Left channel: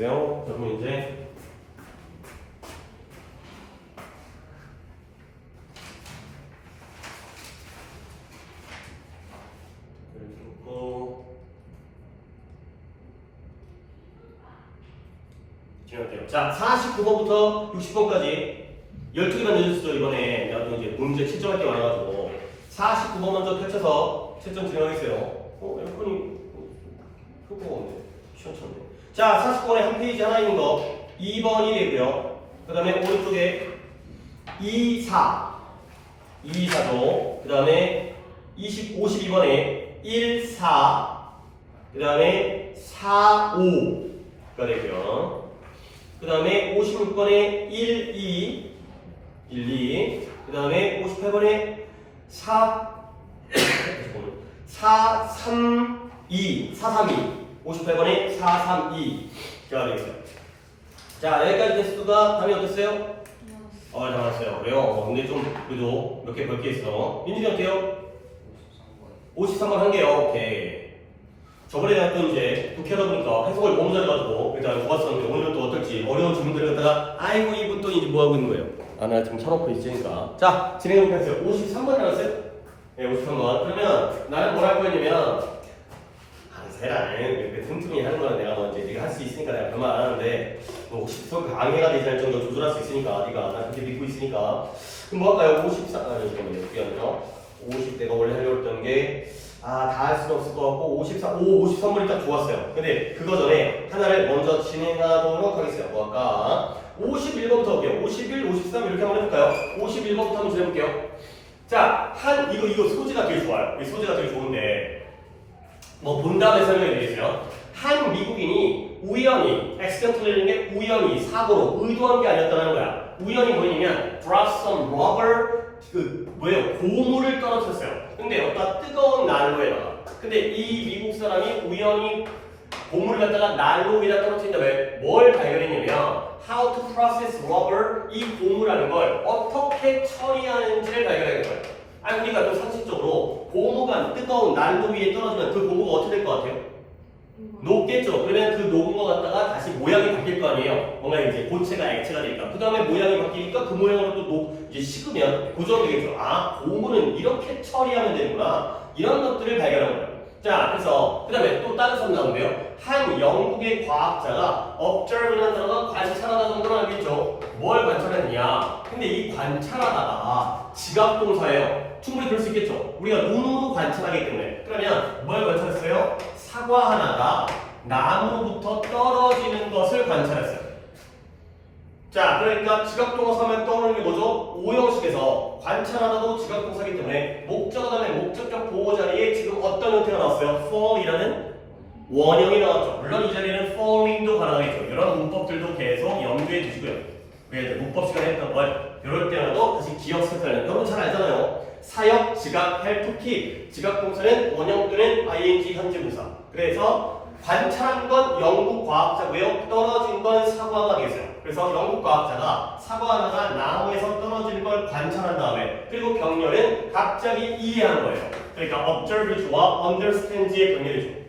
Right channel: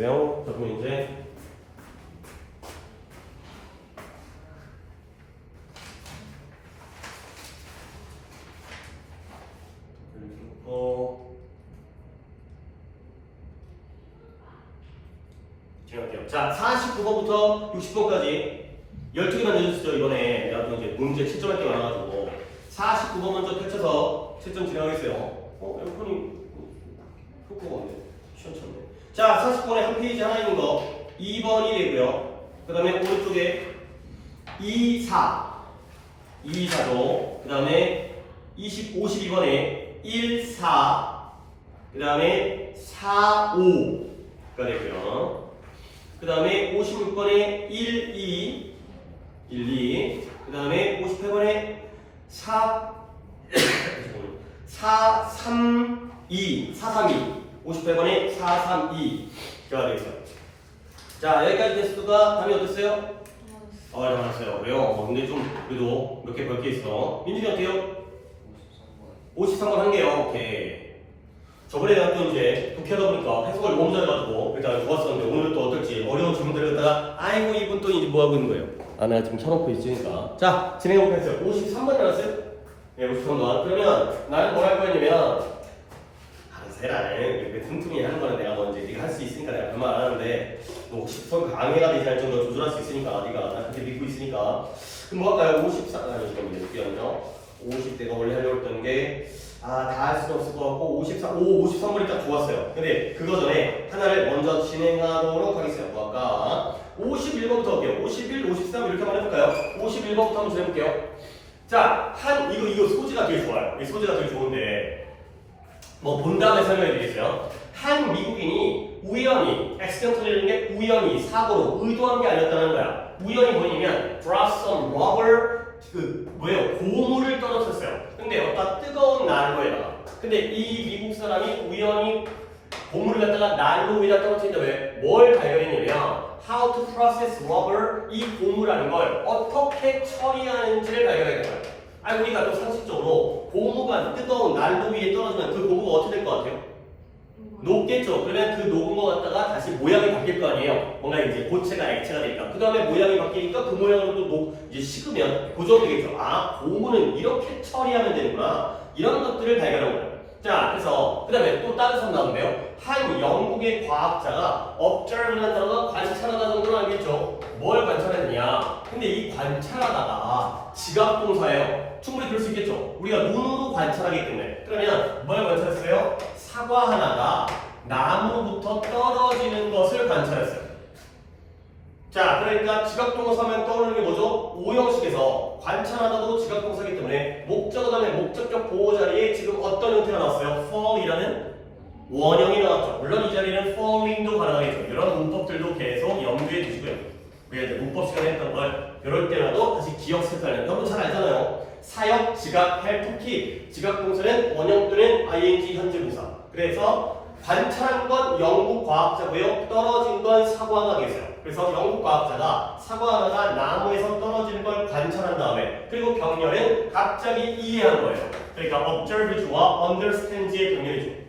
됐어요? 자, 그럼 이제 자, 49번부터 60번까지 12개만 내주시죠. 이번에 내가 또 이제 문제 채점할 게 많아가지고 49번 먼저 펼쳐서 채점 진행하겠어요. 에어컨이 끄고 오네. 시원찮네. 자, 49번에 한 페이지 하나 있는 거 2번이 되고요. 그 다음에 오른쪽에 2, 4 그 다음에 52번에 1, 4 그 다음에 4, 5가 되고요. 그 다음에 56번에 1, 2 그 다음에 58번에 4, 3, 2 58번에 4, 3, 2가 되겠어요. 자, 여기까지 됐을까? 답이 어땠어요? 잘 맞았어요. 그래요? 근데 좀 그래도 몇 개 벌 게 있어. 민준이 어때요? 53번 한 개요. 오케이. 저번에 내가 또 이제 독해하다 보니까 해석을 너무 잘해가지고 일단 좋았었는데 오늘은 또 어떨지 어려운 질문들을 갖다가 아이고 이분 또 이제 뭐 하고 있는 거예요? 나 지금 켜놓고 있으니까. 자, 진행해보겠습니다. 53번 나왔어요? 네, 53번. 그러면 나는 뭘 할 거였냐면 세라는 이렇게 틈틈이 하는 거는 내가 먼저 네가 할 수 있으니까 내가 그런 말 안 하는데 뭐 혹시 서로 강해가 되지 않을 정도로 조절할 수 있으니까 네가 나 그렇게 믿고 있으니까 그럼 뭐 할까요? 54, 잠깐만요. 50대가 원래 하려고 했던 게 다 할 수는 없을 것 같고 53번이 딱 좋았어요. 근데 그거 전에 하나를 먼저 진행하도록 하겠습니다. 뭐 할까? 51번부터 볼게요. 51, 53 이렇게 한번 해볼까요? 51번부터 한번 진행해볼게요. 자, 이거 소지가 되게 좋아요. 이 소지가 되게 좋은데 뭐 본 다음에 설명해 드리겠어요. 한 미국인이 우연히 accidentally 게 우연히 사고로 의도한 게 아니었다는 거야. 우연히 뭐냐면 drop some rubber 고무를 떨어뜨렸어요. 근데 어떤 뜨거운 난로에다가. 근데 이 미국 사람이 우연히 고무를 갖다가 난로 위에다 떨어뜨린 다음에 뭘 발견했냐면 how to process rubber, 이 고무라는 걸 어떻게 처리하는지를 발견하게 돼요. 그러니까 또 상식적으로 고무가 뜨거운 난로 위에 떨어지면 그 고무가 어떻게 될 것 같아요? 녹겠죠. 그러면 그 녹은 거 갖다가 다시 모양이 바뀔 거 아니에요. 뭔가 이제 고체가 액체가 되니까. 그 다음에 모양이 바뀌니까 그 모양으로 또 이제 식으면 고정되겠죠. 고무는 이렇게 처리하면 되는구나. 이런 것들을 발견한 거예요. 자, 그래서 그 다음에 또 다른 선 나오는데요. 한 영국의 과학자가 observe라는 단어가 관찰하다 정도는 알겠죠. 뭘 관찰했느냐. 근데 이 관찰하다가 지각동사예요. 충분히 그럴 수 있겠죠. 우리가 눈으로 관찰하기 때문에. 그러면 뭘 관찰했어요? 사과 하나가 나무로부터 떨어지는 것을 관찰했어요. 자, 그러니까 지각동사 하면 떠오르는 게 뭐죠? 오형식에서 관찰하다도 지각동사이기 때문에 목적어 다음에 목적격 보호 자리에 지금 어떤 형태가 나왔어요? fall이라는 원형이 나왔죠. 물론 이 자리에는 falling도 가능하겠죠. 이런 문법들도 계속 염두에 두시고요. 우리가 이제 문법 시간에 했던 걸 이럴 때라도 다시 기억시켰다는 여러분 잘 알잖아요. 사역, 지각, 헬, 토키. 지각 동사는 원형 또는 ing 현재 분사. 그래서 관찰한 건 영국 과학자고요. 떨어진 건 사과가 되겠어요. 그래서 영국 과학자가 사과 하나가 나무에서 떨어지는 걸 관찰한 다음에 그리고 병렬은 갑자기 이해한 거예요. 그러니까 observe와 understand의 병렬이죠.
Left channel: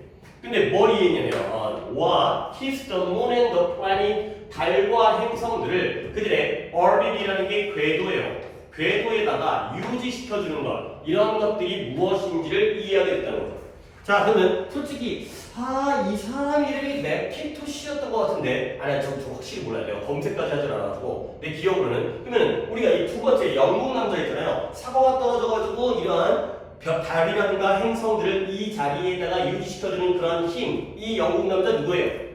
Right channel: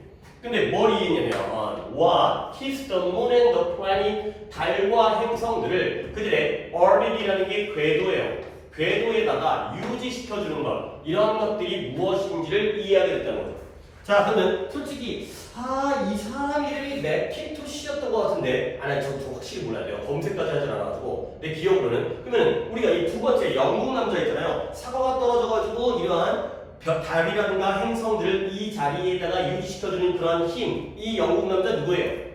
근데 뭘 이해했냐면 what keeps the moon and the planet, 달과 행성들을 그들의 orbit이라는 게 궤도예요. 궤도에다가 유지시켜주는 것, 이런 것들이 무엇인지를 이해하게 됐다는 거죠. 자, 그러면 솔직히 이 사람 이름이 맥킨토시였던 것 같은데 저 확실히 몰라요. 내가 검색까지 하지 않아가지고 내 기억으로는. 그러면 우리가 이 두 번째 영국 남자 있잖아요. 사과가 떨어져가지고 이러한 달이라든가 행성들을 이 자리에다가 유지시켜주는 그런 힘, 이 영국 남자 누구예요?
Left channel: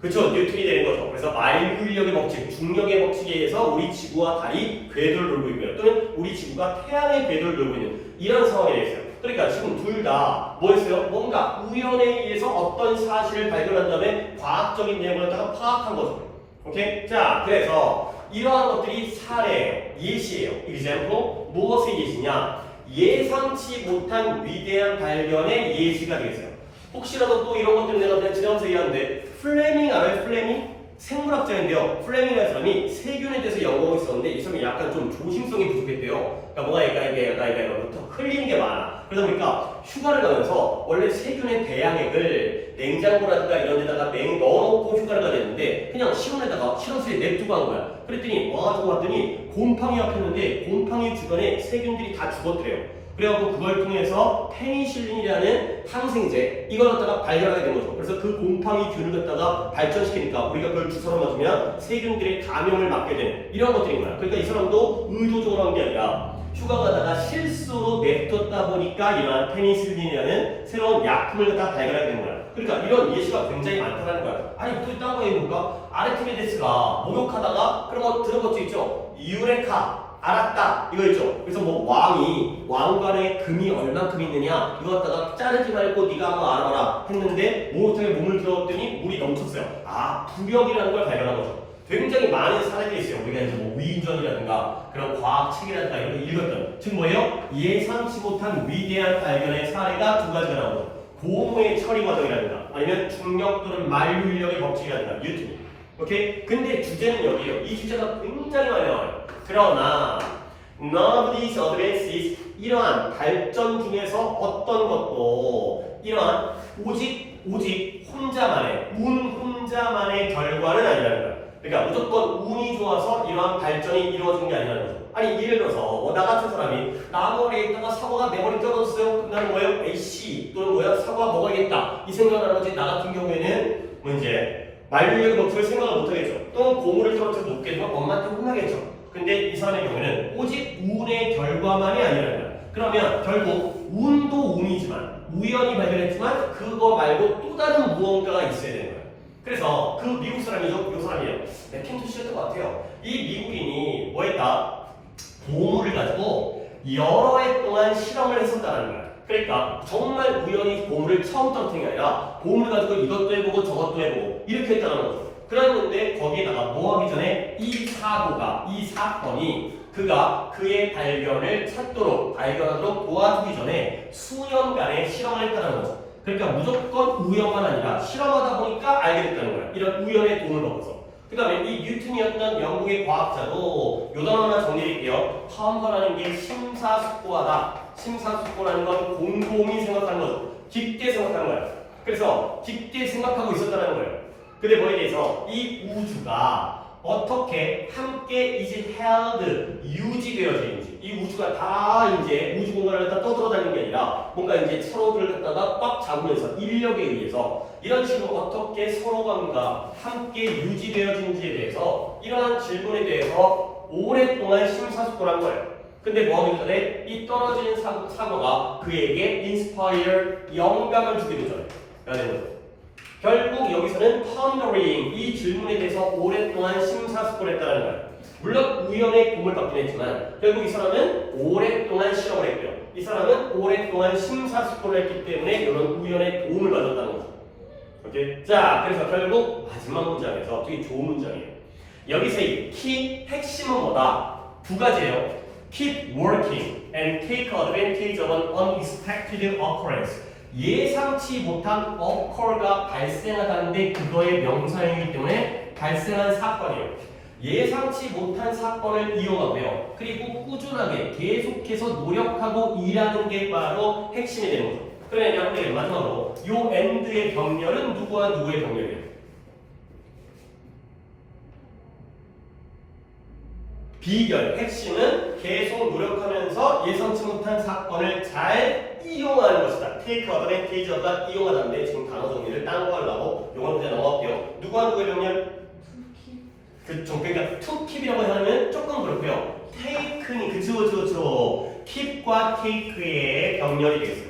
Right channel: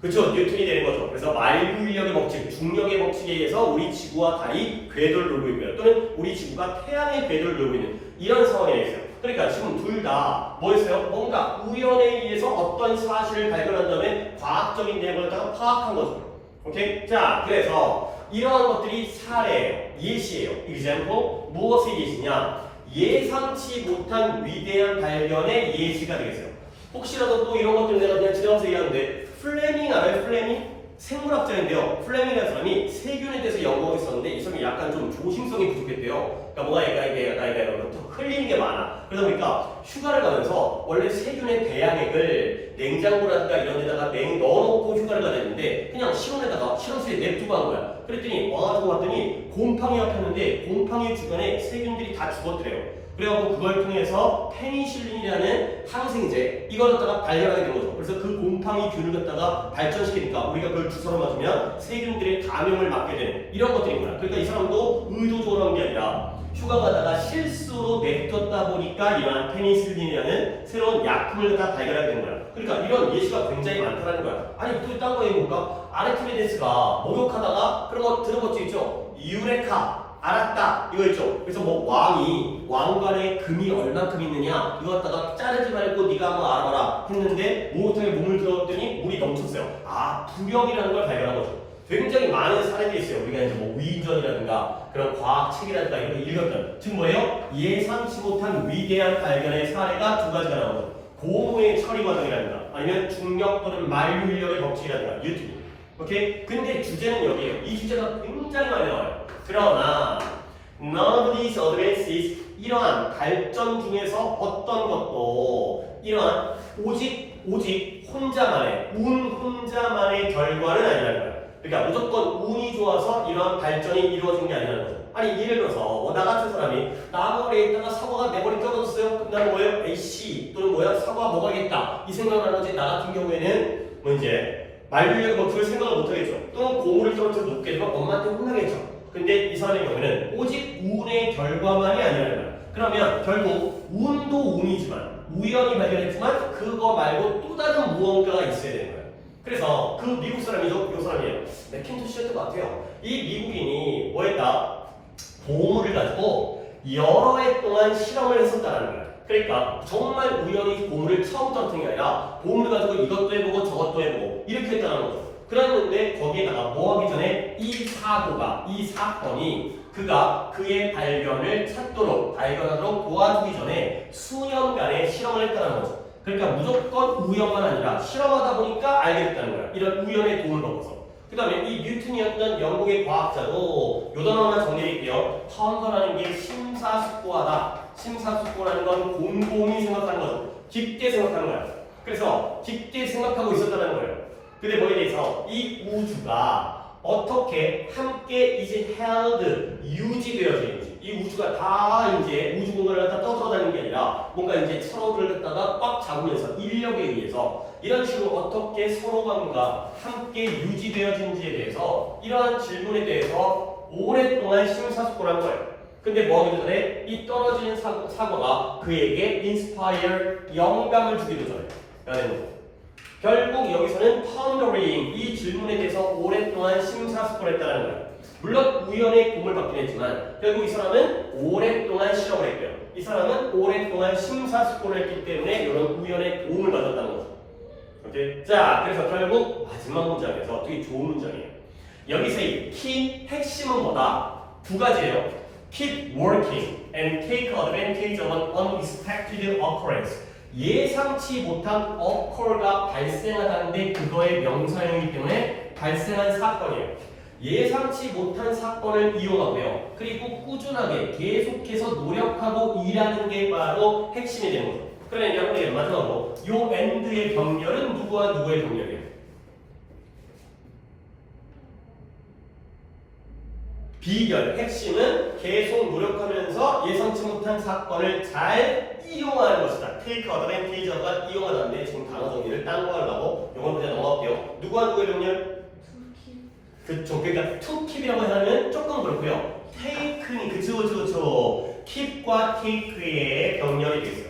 그렇죠. 뉴턴이 되는 거죠. 그래서 만유인력의 법칙, 중력의 법칙에 의해서 우리 지구와 달이 궤도를 돌고 있고요. 또는 우리 지구가 태양의 궤도를 돌고 있는 이런 상황에 있어요. 그러니까 지금 둘 다 뭐였어요? 뭔가 우연에 의해서 어떤 사실을 발견한 다음에 과학적인 내용을 갖다가 파악한 거죠. 오케이? 자, 그래서 이러한 것들이 사례예요. 예시예요. example, 무엇의 예시냐? 예상치 못한 위대한 발견의 예시가 되겠어요. 혹시라도 또 이런 것들 내가 그냥 지나가면서 얘기하는데 플레밍 알아요? 플레밍? 생물학자인데요. 플레밍이라는 사람이 세균에 대해서 연구하고 있었는데 이 사람이 약간 좀 조심성이 부족했대요. 그러니까 뭐가 얘가 흘리는 게 많아. 그러다 보니까 휴가를 가면서 원래 세균의 배양액을 냉장고라든가 이런 데다가 넣어놓고 휴가를 가야 되는데 실온에다가 실온수에 냅두고 한 거야. 그랬더니 와가지고 왔더니 곰팡이가 폈는데 곰팡이 주변에 세균들이 다 죽었더래요. 그래갖고 그걸 통해서 페니실린이라는 항생제 이걸 갖다가 발견하게 된 거죠. 그래서 그 곰팡이 균을 갖다가 발전시키니까 우리가 그걸 주사로 맞으면 세균들의 감염을 막게 되는 이런 것들인 거야. 그러니까 이 사람도 의도적으로 한 게 아니라 휴가 가다가 실수로 냅뒀다 보니까 이러한 페니실린이라는 새로운 약품을 갖다 발견하게 된 거야. 그러니까 이런 예시가 굉장히 많다는 거야. 아니 또 딴 거 해볼까? 아르키메데스가 목욕하다가 그런 거 들어본 적 있죠? 유레카 알았다 이거 있죠. 그래서 뭐 왕이 왕관에 금이 얼만큼 있느냐 이거 갖다가 자르지 말고 네가 한번 알아봐라 했는데 목욕탕에 몸을 들어갔더니 물이 넘쳤어요. 아 부력이라는 걸 발견한 거죠. 굉장히 많은 사례들이 있어요. 우리가 이제 뭐 위인전이라든가 그런 과학책이라든가 이런 거 읽었던 즉 뭐예요? 예상치 못한 위대한 발견의 사례가 두 가지가 나오죠. 고무의 처리 과정이라든가 아니면 중력 또는 만류 인력의 법칙이라든가 뉴턴. 오케이? 근데 주제는 여기에요. 이 주제가 굉장히 많이 나와요. 그러나 none of these advances 이러한 발전 중에서 어떤 것도 이러한 오직 혼자만의 운 혼자만의 결과는 아니라는 거야. 그러니까 무조건 운이 좋아서 이러한 발전이 이루어진 게 아니라는 거죠. 아니 예를 들어서 나 같은 사람이 나무 아래에 있다가 사과가 내 머리 떨어졌어요. 그다음에 뭐예요? 에이씨 또는 뭐야 사과 먹어야겠다 이 생각을 하지. 나 같은 경우에는 뭐 이제 말류력 버튼을 생각을 못하겠죠. 또는 고무를 떨어뜨려 놓게 되면 엄마한테 혼나겠죠. 근데 이 사람의 경우에는 오직 운의 결과만이 아니라는 거야. 그러면 결국 운도 운이지만 우연히 발견했지만 그거 말고 또 다른 무언가가 있어야 되는 거야. 그래서 그 미국 사람이죠. 이 사람이에요. 맥킨토시였던 것 같아요. 이 미국인이 뭐 했다? 보물을 가지고 여러 해 동안 실험을 했었다는 거야. 그러니까 정말 우연히 보물을 처음 떨어뜨린 게 아니라 보물을 가지고 이것도 해보고 저것도 해보고 이렇게 했다는 거죠. 그랬는데 거기에다가 뭐 하기 전에 이 사건이 그가 그의 발견하도록 도와주기 전에 수년간의 실험을 했다는 거죠. 그러니까 무조건 우연만 아니라 실험하다 보니까 알게 됐다는 거야. 이런 우연의 도움을 받고서. 그 다음에 이 뉴턴이었던 영국의 과학자도 요 단어만 정리할게요. 텀버라는 게 심사숙고하다. 심사숙고라는 건 곰곰이 생각하는 거죠. 깊게 생각하는 거야. 그래서 깊게 생각하고 있었다는 거예요. 근데 뭐에 대해서 이 우주가 어떻게 함께 이제 held 유지되어지는지 이 우주가 다 이제 우주 공간을 갖다 떠돌아다니는 게 아니라 뭔가 이제 서로를 갖다가 꽉 잡으면서 인력에 의해서 이런 식으로 어떻게 서로가 함께 유지되어지는지에 대해서 이러한 질문에 대해서 오랫동안 심사숙고를 한 거예요. 근데 뭐 하기 전에 이 떨어지는 사고가 그에게 inspire 영감을 주기도 전에 결국 여기서는 pondering 이 질문에 대해서 오랫동안 심사숙고를 했다는 거예요. 물론 우연의 도움을 받긴 했지만 결국 이 사람은 오랫동안 실험을 했고요. 이 사람은 오랫동안 심사숙고를 했기 때문에 이런 우연의 도움을 받았다는 거죠. 오케이? 자, 그래서 결국 마지막 문장에서 되게 좋은 문장이에요. 여기서 이 key 핵심은 뭐다? 두 가지예요. Keep working and take advantage of an unexpected occurrence. 예상치 못한 occur가 발생하다는데 그거의 명사형이기 때문에 발생한 사건이에요. 예상치 못한 사건을 이용하고요. 그리고 꾸준하게 계속해서 노력하고 일하는 게 바로 핵심이 되는 거죠. 그러면 여러분들 마지막으로 요 end의 병렬은 누구와 누구의 병렬이에요? 비결, 핵심은 계속 노력하면서 예상치 못한 사건을 잘 이용하는 것이다. take advantage of가 이용하다는데 지금 단어 정리를 딴 거 하려고 요건 그냥 넘어갈게요. 누구와 누구의 병렬? 그쵸. 그러니까 to keep이라고 하면 조금 그렇고요. take는 그쵸. keep과 take의 병렬이 되겠어요.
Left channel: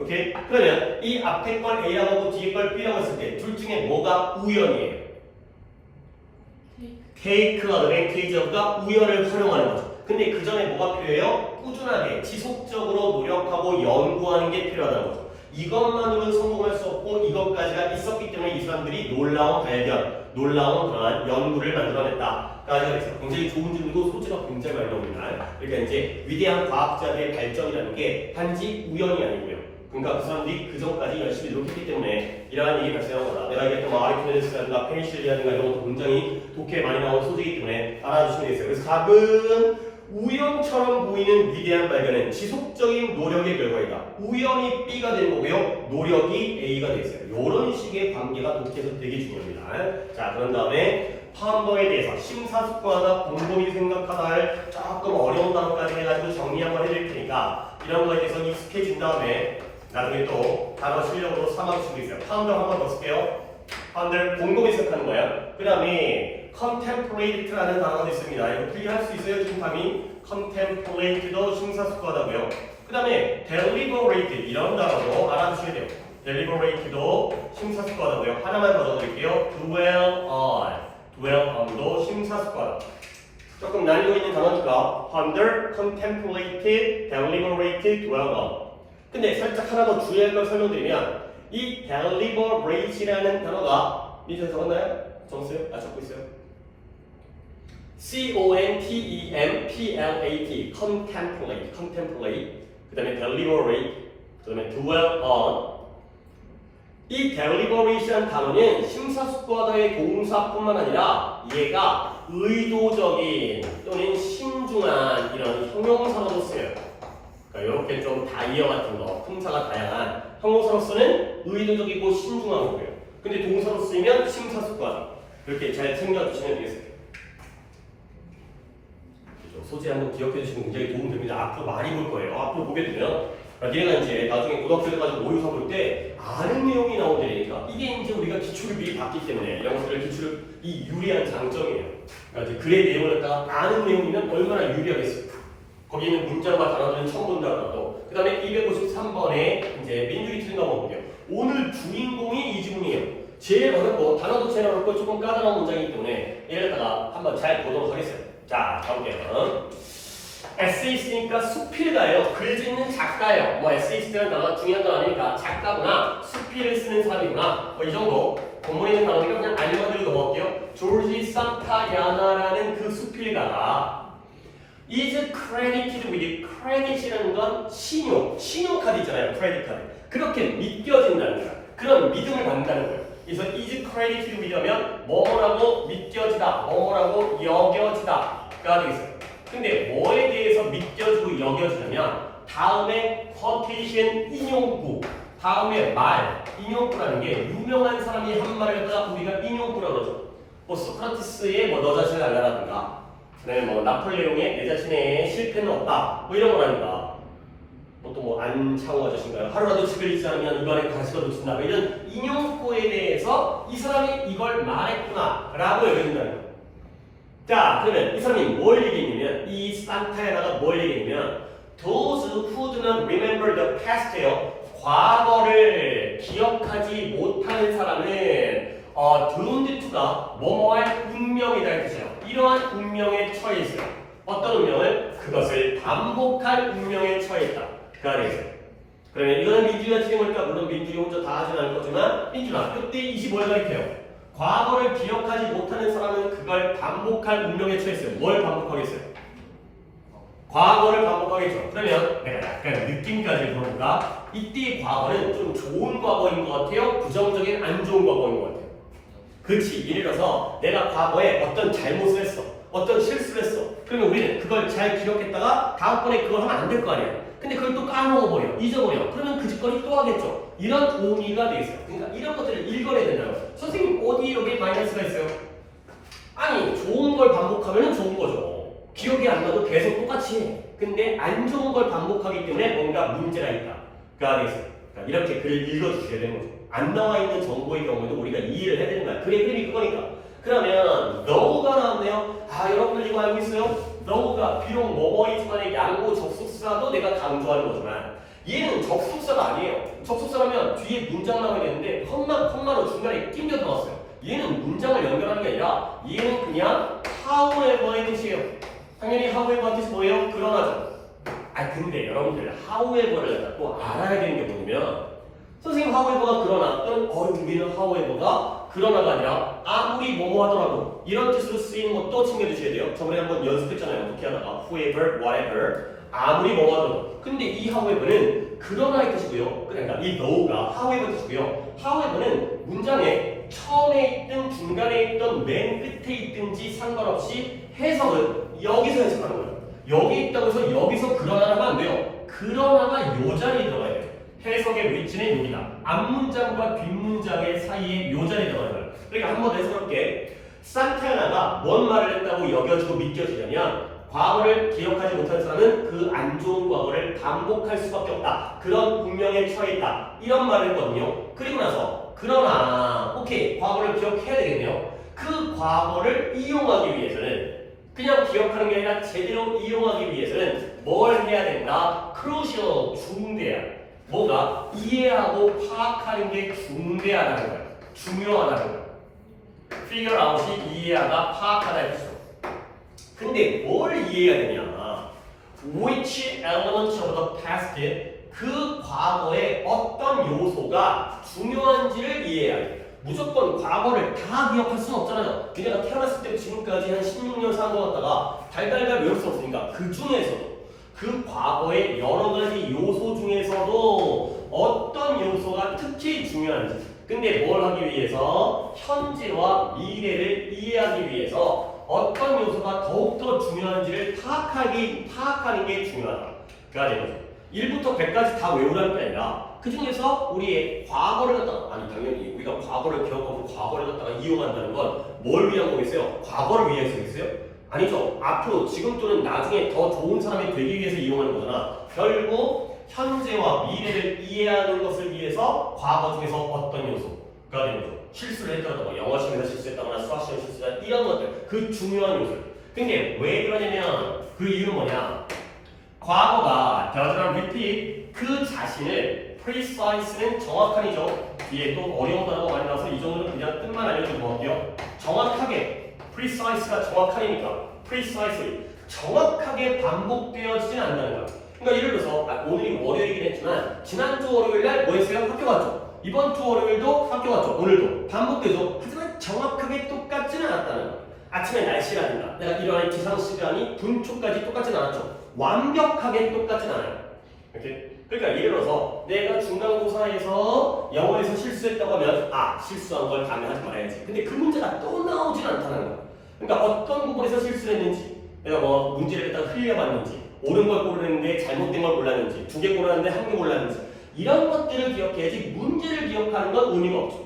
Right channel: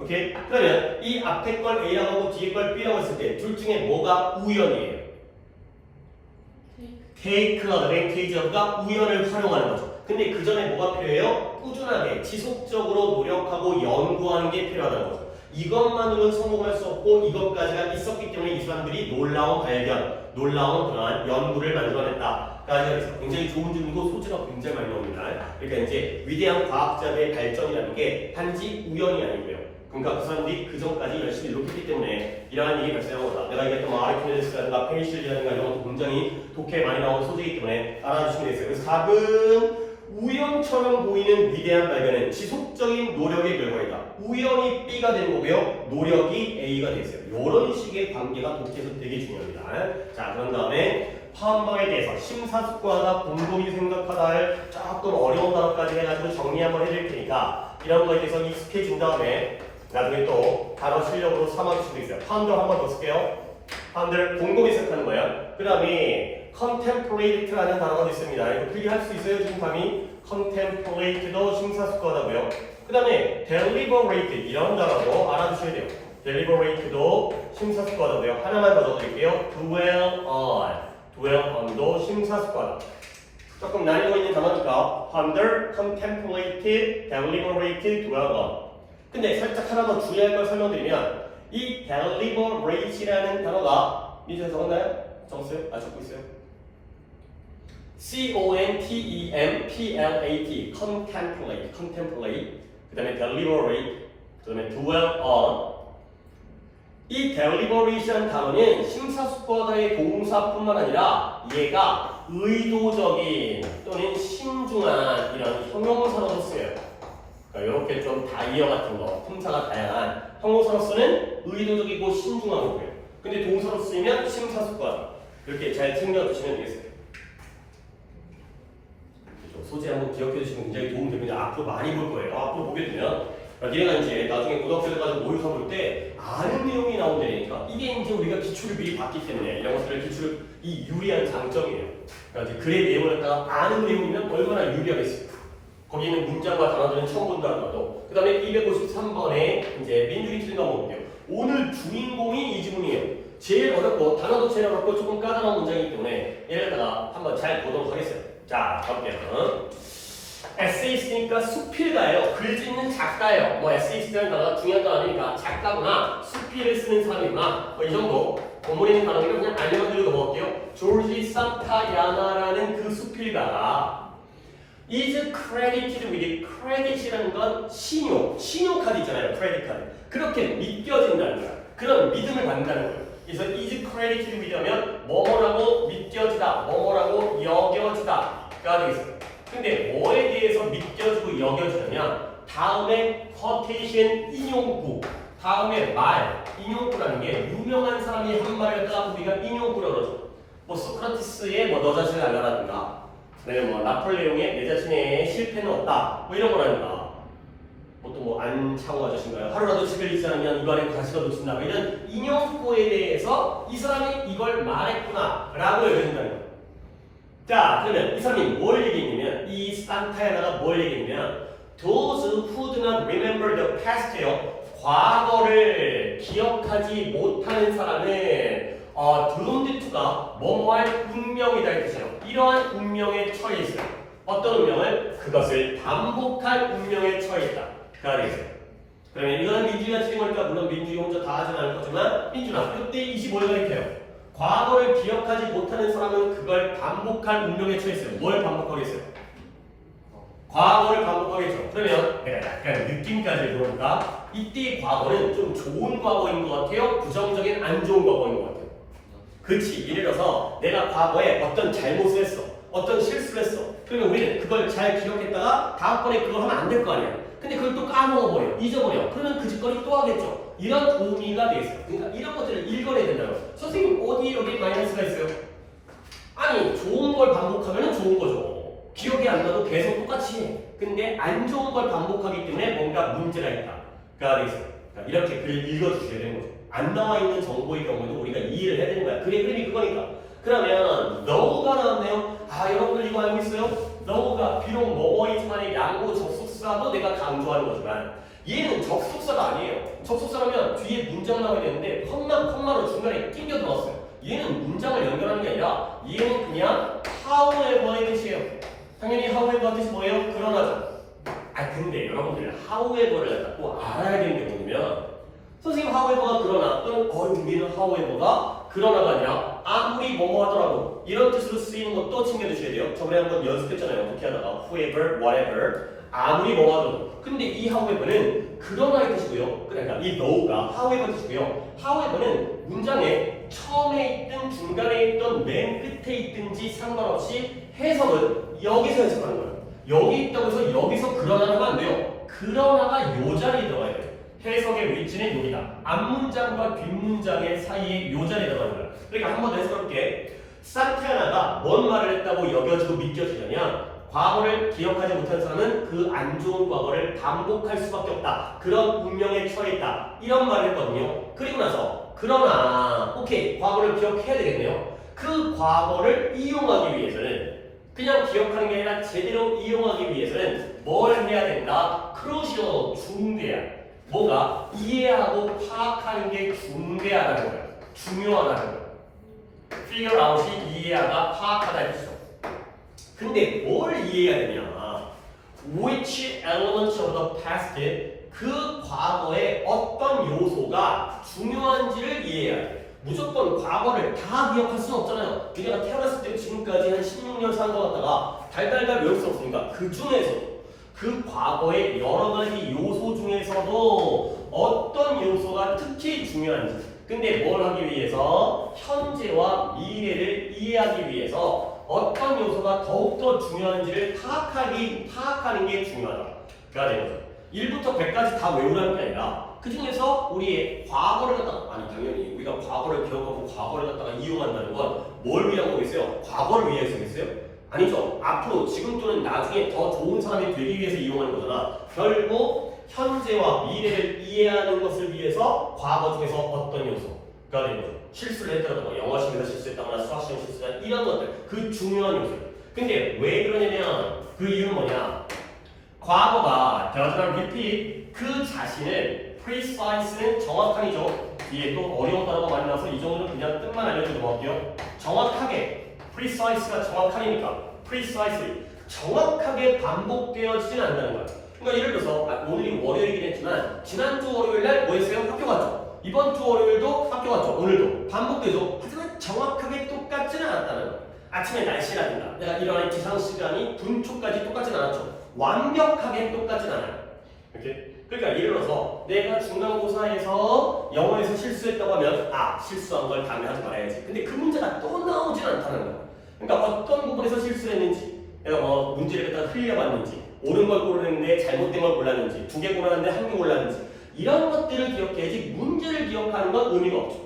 오케이? 그러면 이 앞에 걸 A라고 하고 뒤에 걸 B라고 했을 때 둘 중에 뭐가 우연이에요? take advantage of가 우연을 활용하는 거죠. 근데 그 전에 뭐가 필요해요? 꾸준하게 지속적으로 노력하고 연구하는 게 필요하다는 거죠. 이것만으로는 성공할 수 없고 이것까지가 있었기 때문에 이 사람들이 놀라운 발견, 놀라운 그러한 연구를 만들어냈다. 까지 해서 굉장히 좋은 질문도 소지가 굉장히 많이 나옵니다. 그러니까 이제 위대한 과학자들의 발전이라는 게 단지 우연이 아니고요. 그러니까 그 사람들이 그 전까지 열심히 노력했기 때문에 이러한 일이 발생한 거다. 내가 얘기했던 뭐 아리키메데스라든가 페니실린이라든가 이런 것도 굉장히 독해에 많이 나온 소재이기 때문에 알아주시면 되겠어요. 그래서 답은 우연처럼 보이는 위대한 발견은 지속적인 노력의 결과이다. 우연히 B가 되는 거고요. 노력이 A가 되겠어요. 이런 식의 관계가 독해에서 되게 중요합니다. 자, 그런 다음에 파운더에 대해서 심사숙고하다, 곰곰이 생각하다를 조금 어려운 단어까지 해가지고 정리 한번 해드릴 테니까 이런 거에 대해서 익숙해진 다음에 나중에 또 단어 실력으로 삼아줄 수도 있어요. 파운더 한번 더 쓸게요. 파운더 곰곰이 생각하는 거예요. 그 다음에 contemplate라는 단어도 있습니다. 이거 필기할 수 있어요, 지금 감이? contemplate도 심사숙고하다고요. 그 다음에 deliberate 이런 단어도 알아두셔야 돼요. deliberate도 심사숙고하다고요. 하나만 더 적어드릴게요. dwell on도 심사숙고하다. 조금 난이도 있는 단어니까 ponder, contemplated, deliberated, dwell on. 근데 살짝 하나 더 주의할 걸 설명드리면 이 deliberate라는 단어가 밑에 적었나요? 적었어요? 아 적고 있어요? contemplate, contemplate, 그 다음에 deliberate, 그 다음에 dwell on. 이 deliberation 단어는 심사숙고하다의 동사뿐만 아니라 얘가 의도적인 또는 신중한 이런 형용사로도 쓰여요. 그러니까 이렇게 좀 다이어 같은 거, 품사가 다양한 형용사로서는 의도적이고 신중한 거고요. 근데 동사로 쓰이면 심사숙고하다. 이렇게 잘 챙겨주시면 되겠습니다. 소재 한번 기억해 주시면 굉장히 도움이 됩니다. 앞으로 많이 볼 거예요. 앞으로 보게 되면 얘가 이제 나중에 고등학교 가지고 모의고사 볼 때 아는 내용이 나온다니까 이게 이제 우리가 기출을 미리 봤기 때문에 이런 것들을 기출을 이 유리한 장점이에요. 그러니까 이제 글의 내용을 갖다가 아는 내용이면 얼마나 유리하겠습니까? 거기는 문장과 단어들은 처음 본다는 것도. 그 다음에 253번에 이제 민주기 틀린 거 보면요. 오늘 주인공이 이 지문이에요. 제일 어렵고 단어도 제일 어렵고 조금 까다로운 문장이기 때문에 얘를 갖다가 한번 잘 보도록 하겠어요. 자, 가볼게요. 에세이스트니까 수필가예요. 글 짓는 작가예요. 뭐 에세이스트는 단어가 중요한 거 아니니까 작가구나, 수필을 쓰는 사람이구나. 뭐 이 정도. 본문에 있는 단어니까 그냥 알려만 들고 넘어갈게요. 조지 산타야나라는 그 수필가가 is credited with credit이라는 건 신용카드 있잖아요. 크레딧 카드. 그렇게 믿겨진다는 거야. 그런 믿음을 받는다는 거예요. 그래서 is credited with 하면 뭐뭐라고 믿겨지다, 뭐뭐라고 여겨지다가 되겠어요. 근데 뭐에 대해서 믿겨지고 여겨지냐면 다음에 quotation 인용구, 다음에 말, 인용구라는 게 유명한 사람이 한 말을 갖다가 우리가 인용구라고 그러죠. 뭐 소크라테스의 뭐 너 자신을 알라라든가, 그다음에 뭐 나폴레옹의 내 자신의 실패는 없다, 뭐 이런 거라든가, 뭐 또 뭐 안창호 아저씨인가요? 하루라도 집을 잊지 않으면 입안에 가시가 돋친다, 뭐 이런 인용구에 대해서 이 사람이 이걸 말했구나라고 여겨진다는 거예요. 자, 그러면 이 사람이 뭘 얘기했냐면 이 산타야나가 뭘 얘기했냐면 those who do not remember the past예요. 과거를 기억하지 못하는 사람은 doomed to가 뭐뭐할 운명이다 이 뜻이에요. 이러한 운명에 처해 있어요. 어떤 운명을? 그것을 반복할 운명에 처해 있다. 그 안에 그러면 이거는 민주가 틀린 거니까 물론 민주가 혼자 다 하진 않을 거지만 민주가 그때 25를 가리켜요. 과거를 기억하지 못하는 사람은 그걸 반복할 운명에 처했어요. 뭘 반복하겠어요? 과거를 반복하겠죠. 그러면 내가 약간 느낌까지 물어볼까? 이때의 과거는 좀 좋은 과거인 것 같아요? 부정적인 안 좋은 과거인 것 같아요? 그렇지. 예를 들어서 내가 과거에 어떤 잘못을 했어. 어떤 실수를 했어. 그러면 우리는 그걸 잘 기억했다가 다음번에 그걸 하면 안 될 거 아니야. 근데 그걸 또 까먹어버려. 잊어버려. 그러면 그 짓거리 또 하겠죠. 이런 의미가 돼 있어요. 그러니까 이런 것들을 읽어내야 된다고. 선생님 어디 여기 마이너스가 있어요? 아니 좋은 걸 반복하면 좋은 거죠. 기억이 안 나도 계속 똑같이 해. 근데 안 좋은 걸 반복하기 때문에 뭔가 문제가 있다가 돼 있어요. 그러니까 이렇게 글을 읽어주셔야 되는 거죠. 안 나와 있는 정보의 경우에도 우리가 이해를 해야 되는 거야. 그게 흐름이 그거니까. 그러면 너가 나왔네요. 아 여러분들 이거 알고 있어요? 너가 비록 뭐뭐이지만 양보 접속사도 내가 강조하는 거지만 얘는 접속사가 아니에요. 접속사라면 뒤에 문장 나와야 되는데 컴마로 중간에 끼겨 들어왔어요. 얘는 문장을 연결하는 게 아니라 얘는 그냥 however의 뜻이에요. 당연히 however 뜻이 뭐예요? 그러나죠. 아 근데 여러분들 however를 또 알아야 되는 게 뭐냐면 선생님 however가 그러나 또는 우리는 however가 그러나가 아니라 아무리 뭐뭐 하더라도 이런 뜻으로 쓰이는 것도 챙겨주셔야 돼요. 저번에 한번 연습했잖아요. 어떻게 하다가 whoever, whatever 아무리 뭐뭐 하더라도. 근데 이 however는 그러나의 뜻이고요. 그러니까 이 no가 however 뜻이고요. however는 문장에 처음에 있든 중간에 있든 맨 끝에 있든지 상관없이 해석은 여기서 해석하는 거예요. 여기 있다고 해서 여기서 그러나가 안 돼요. 그러나가 요 자리에 들어가야 돼요. 해석의 위치는 여기다. 앞문장과 뒷문장의 사이에 요 자리에 들어가는 거예요. 그러니까 한 번 더 해석해볼게. 산타나가 뭔 말을 했다고 여겨지고 믿겨지냐면 과거를 기억하지 못한 사람은 그 안 좋은 과거를 반복할 수밖에 없다. 그런 운명에 처해 있다. 이런 말을 했거든요. 그리고 나서 그러나 오케이 과거를 기억해야 되겠네요. 그 과거를 이용하기 위해서는 그냥 기억하는 게 아니라 제대로 이용하기 위해서는 뭘 해야 된다? crucial, 중대야. 뭐가? 이해하고 파악하는 게 중대하다는 거야. 중요하다는 거야. figure out이 이해하다, 파악하다 했죠. 근데 뭘 이해해야 되냐? Which element of the past, 그 과거의 어떤 요소가 중요한지를 이해해야 돼. 무조건 과거를 다 기억할 수는 없잖아요. 그냥 태어났을 때 지금까지 한 16년 사는 것 같다가 달달달 외울 수 없으니까 그 중에서 그 과거의 여러 가지 요소 중에서도 어떤 요소가 특히 중요한지. 근데 뭘 하기 위해서? 현재와 미래를 이해하기 위해서 어떤 요소가 더욱더 중요한지를 파악하는 게 중요하다. 그가 되는 거죠. 1부터 100까지 다 외우라는 게 아니라 그 중에서 우리의 과거를 갖다가 아니 당연히 우리가 과거를 기억하고 과거를 갖다가 이용한다는 건 뭘 위한 거겠어요? 과거를 위해서겠어요? 아니죠. 앞으로 지금 또는 나중에 더 좋은 사람이 되기 위해서 이용하는 거잖아. 결국 현재와 미래를 이해하는 것을 위해서 과거 중에서 어떤 요소가 되는 거죠. 실수를 했다거나 뭐 영어 시험에서 실수했다거나 수학 시험 실수했다 이런 것들 그 중요한 요소. 근데 왜 그러냐면 그 이유는 뭐냐? 과거가 doesn't repeat 그 자신을 precise는 정확한이죠. 뒤에 또 어려운 단어가 많이 나와서 이 정도는 그냥 뜻만 알려주고 넘어갈게요. 정확하게 precise가 정확한이니까 precisely 정확하게 반복되어지진 않는다는 거야. 그러니까 예를 들어서 오늘이 월요일이긴 했지만 지난주 월요일 날 뭐 했어요? 학교 갔죠. 이번 주 월요일도 학교 갔죠. 오늘도 반복되죠. 하지만 정확하게 똑같지는 않았다는 거야. 아침에 날씨라든가 내가 일어나는 기상 시간이 분초까지 똑같진 않았죠. 완벽하게 똑같진 않아요. 이렇게. 그러니까 예를 들어서 내가 중간고사에서 영어에서 실수했다고 하면 실수한 걸 다음에 하지 말아야지. 근데 그 문제가 또 나오진 않다는 거야. 그러니까 어떤 부분에서 실수를 했는지 내가 뭐 문제를 갖다가 흘려봤는지 옳은 걸 고르는데 잘못된 걸 골랐는지 2개 고르는데 1개 골랐는지 이런 것들을 기억해야지 문제를 기억하는 건 의미가 없죠.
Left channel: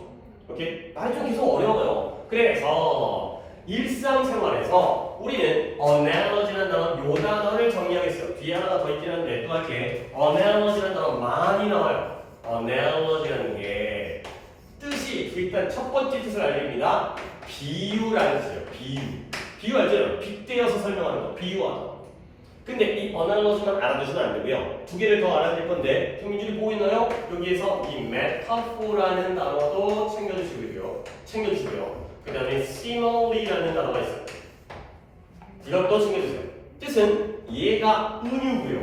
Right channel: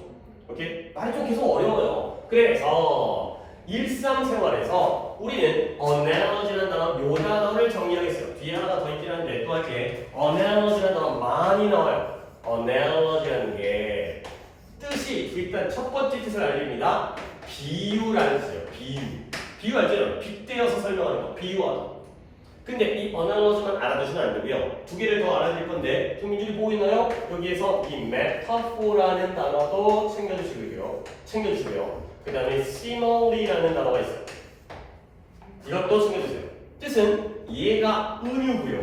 오케이? 말이 좀 계속 어려워요. 그래서 일상생활에서 우리는 analogy라는 단어, 요 단어를 정리하겠어요. 뒤에 하나가 더 있긴 한데 또 할게. analogy라는 단어 많이 나와요. analogy라는 게 뜻이 일단 첫 번째 뜻을 알립니다. 비유라는 뜻이에요. 비유 알죠? 빗대어서 설명하는 거. 비유하다. 근데 이 analogy만 알아두시면 안 되고요. 두 개를 더 알아드릴 건데 동민들이 보고 있나요? 여기에서 이 metaphor라는 단어도 챙겨주시고요. 그 다음에 similarly라는 단어가 있어요. 이것도 챙겨주세요. 뜻은 얘가 은유고요.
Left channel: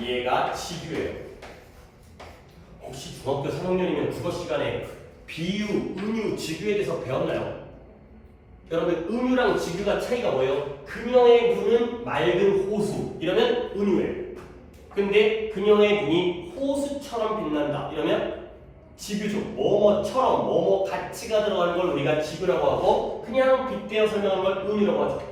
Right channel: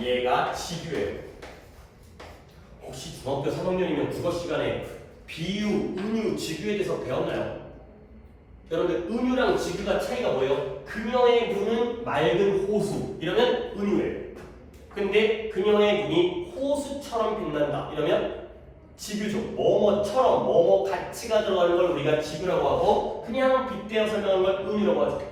얘가 지규예요. 혹시 중학교 3학년이면 국어 시간에 비유, 은유, 지규에 대해서 배웠나요? 여러분들 은유랑 지규가 차이가 뭐예요? 그녀의 눈은 맑은 호수 이러면 은유예요. 근데 그녀의 눈이 호수처럼 빛난다 이러면 지규죠. 뭐뭐처럼 뭐뭐 가치가 들어가는 걸 우리가 지규라고 하고 그냥 빗대어 설명하는 걸 은유라고 하죠.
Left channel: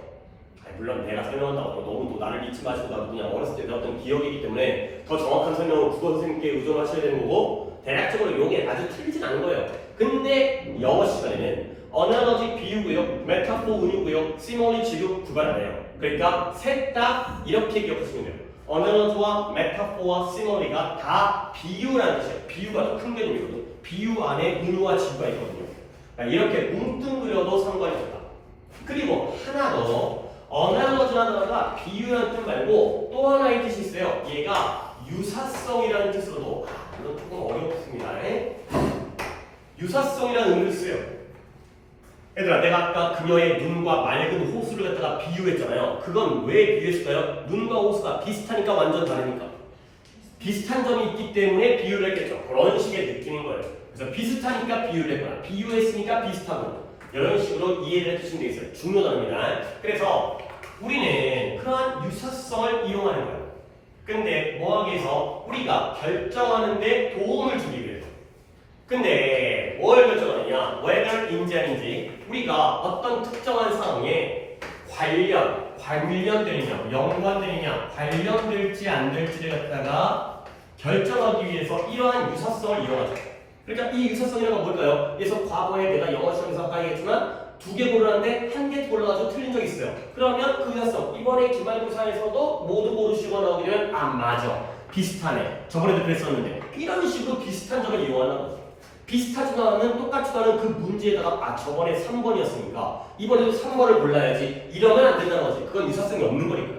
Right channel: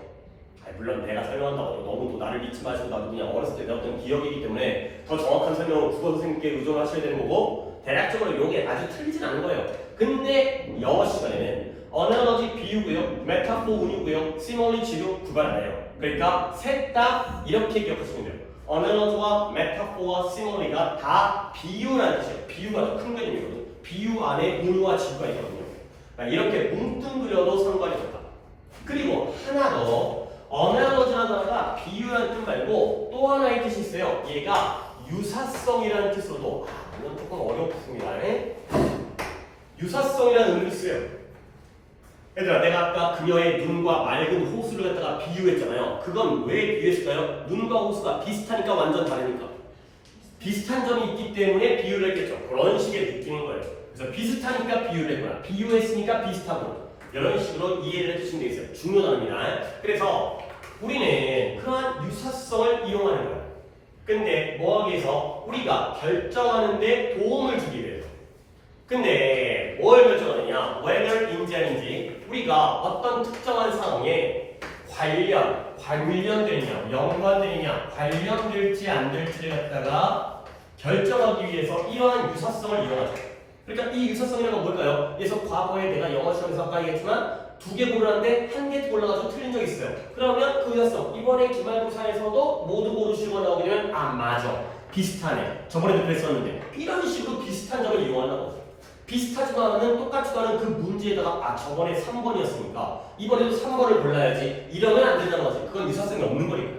물론 내가 설명한다고 너무 또 나를 믿지 마시고 나도 그냥 어렸을 때 배웠던 기억이기 때문에 더 정확한 설명을 국어 선생님께 의존하셔야 되는 거고 대략적으로 이게 아주 틀리진 않은 거예요. 근데 영어 시간에는 analogy 비유고요, metaphor 은유고요, simile 지규 구분 안 해요. 그러니까 셋 다 이렇게 기억하시면 돼요. analogy와 metaphor와 simile가 다 비유라는 뜻이에요. 비유가 더 큰 개념이거든요. 비유 안에 은유와 지규가 있거든요. 그러니까 이렇게 뭉뚱그려도 상관이 없다. 그리고 하나 더 analogy라는 단어가 비유라는 뜻 말고 또 하나의 뜻이 있어요. 얘가 유사성이라는 뜻으로도 물론 조금 어렵습니다. 유사성이라는 의미를 써요. 얘들아 내가 아까 그녀의 눈과 맑은 호수를 갖다가 비유했잖아요. 그건 왜 비유했을까요? 눈과 호수가 비슷하니까 완전 다르니까. 비슷한 점이 있기 때문에 비유를 했겠죠. 그런 식의 느낌인 거예요. 그래서 비슷하니까 비유를 했거나 비유했으니까 비슷하고 이런 식으로 이해를 해주시면 되겠어요. 중요합니다. 그래서 우리는 그러한 유사성을 이용하는 거예요. 근데 뭐 하기 위해서? 우리가 결정하는 데 도움을 주기 위해서. 근데 뭘 결정하느냐? whether인지 아닌지 우리가 어떤 특정한 상황에 관련되느냐, 연관되느냐, 관련될지 안 될지를 갖다가 결정하기 위해서 이러한 유사성을 이용하죠. 그러니까 이 유사성이라는 건 뭘까요? 그래서 과거에 내가 영어 시험에서 아까 얘기했지만 두 개 고르는데 한 개 골라가지고 틀린 적 있어요. 그러면 그 유사성 이번에 기말고사에서도 모두 고르시고 나오게 되면 아 맞아 비슷하네 저번에도 그랬었는데 이런 식으로 비슷한 점을 이용하는 거죠. 비슷하지만은 똑같지도 않은 그 문제에다가 아 저번에 3번이었으니까 이번에도 3번을 골라야지 이러면 안 된다는 거지. 그건 유사성이 없는 거니까.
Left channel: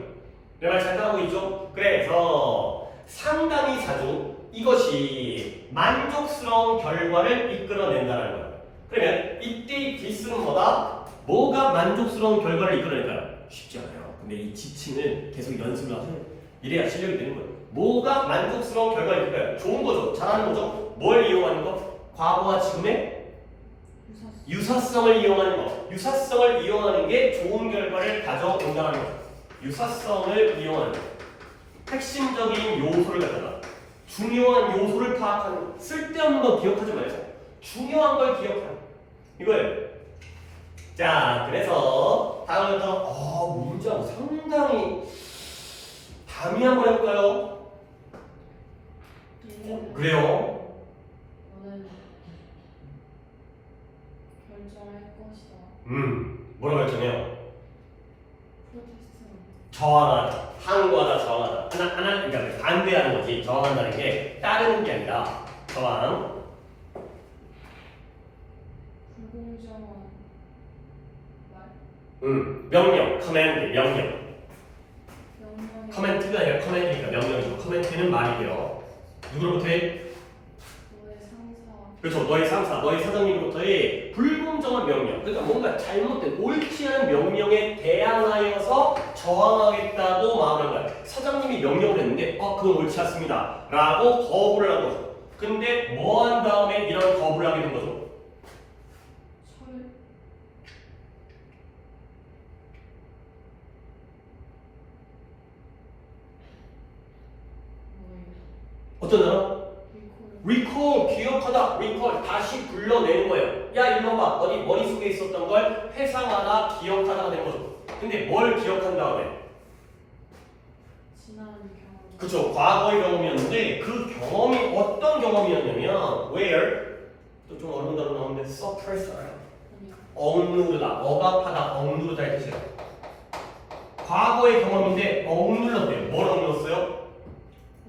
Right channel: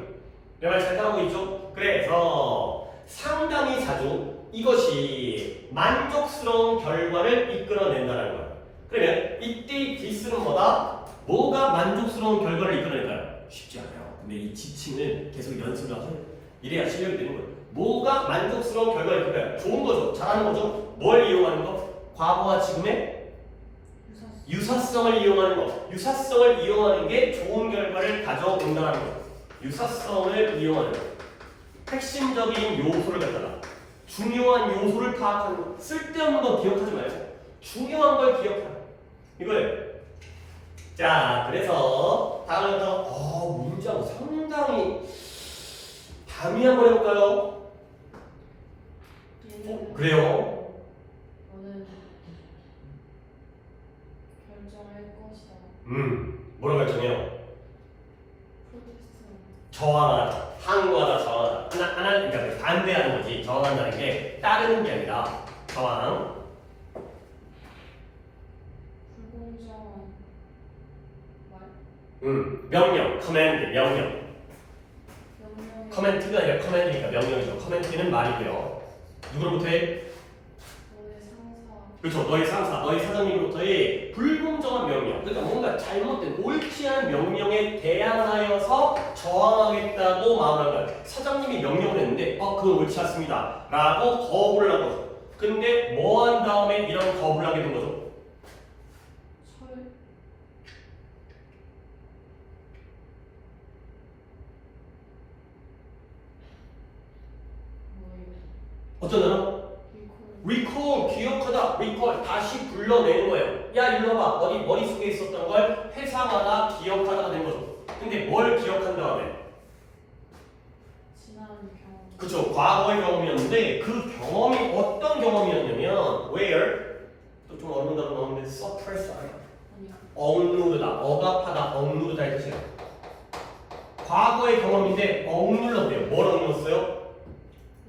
내 말 잘 따라하고 있죠? 그래서 상당히 자주 이것이 만족스러운 결과를 이끌어낸다는 거예요. 그러면 이때 기술은 뭐다? 뭐가 만족스러운 결과를 이끌어낼까요? 쉽지 않아요. 근데 이 지칭을 계속 연습을 하세요. 이래야 실력이 되는 거예요. 뭐가 만족스러운 결과를 이끌어요? 좋은 거죠. 잘하는 거죠. 뭘 이용하는 거? 과거와 지금의 유사성을 이용하는 거. 유사성을 이용하는 게 좋은 결과를 가져온다는 거. 유사성을 이용하는 거. 핵심적인 요소를 갖다가 중요한 요소를 파악하는 거. 쓸데없는 거 기억하지 말고 중요한 걸 기억하는 이거예요. 자, 그래서 다음부터 문장 상당히 담이 한번 해볼까요? 그래요. 저는 결정할 것이다. 뭐라고 결정해요? 프로테스트. 저항하다, 항거하다, 저항하다. 하나, 그러니까 반대하는 거지. 저항한다는 게 따르는 게 아니라 저항. 불공정한 말. 명령, 커맨드, 명령. 명령의 커멘트가 아니라 커맨드니까 명령이죠. 커멘트는 말이고요. 누구로부터 해? 너의 상사. 그렇죠. 너희 상사, 너희 사장님으로부터의 불공정한 명령. 그러니까 뭔가 잘못된, 옳지 않은 명령에 대항하여서 저항하겠다고 마음을 한 거야. 사장님이 명령을 했는데, 그건 옳지 않습니다. 라고 거부를 한 거죠. 근데 뭐 한 다음에 이런 거부를 하게 된 거죠? 철회. 어떤 단어? 리콜. recall, 기억하다, recall, 다시 불러내는 거예요. 야, 일로 와봐. 어디 머릿속에 있었던 걸 회상하다, 기억하다가 된 거죠. 근데 뭘 기억한 다음에? 지난 경험. 그쵸, 과거의 경험이었는데 그 경험이 어떤 경험이었냐면 where? 또 좀 어려운 단어 나오는데 suppress 알아요? 아니요. 억누르다, 억압하다, 억누르다 이 뜻이에요. 과거의 경험인데 억눌렀대요. 뭘 억눌렀어요?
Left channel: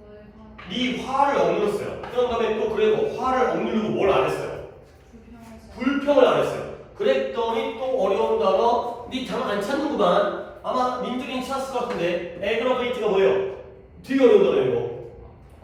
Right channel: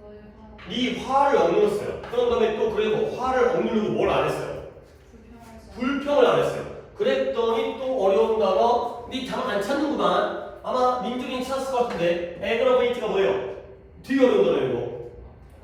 너의 화. 네 화를 억눌렀어요. 그런 다음에 또 그래도 화를 억누르고 뭘 안 했어요? 불평하지. 불평을 안 했어요. 그랬더니 또 어려운 단어, 네 당 안 찾는구만. 아마 민들이는 찾았을 것 같은데 에그러베이트가 뭐예요? 되게 어려운 단어예요. 이거.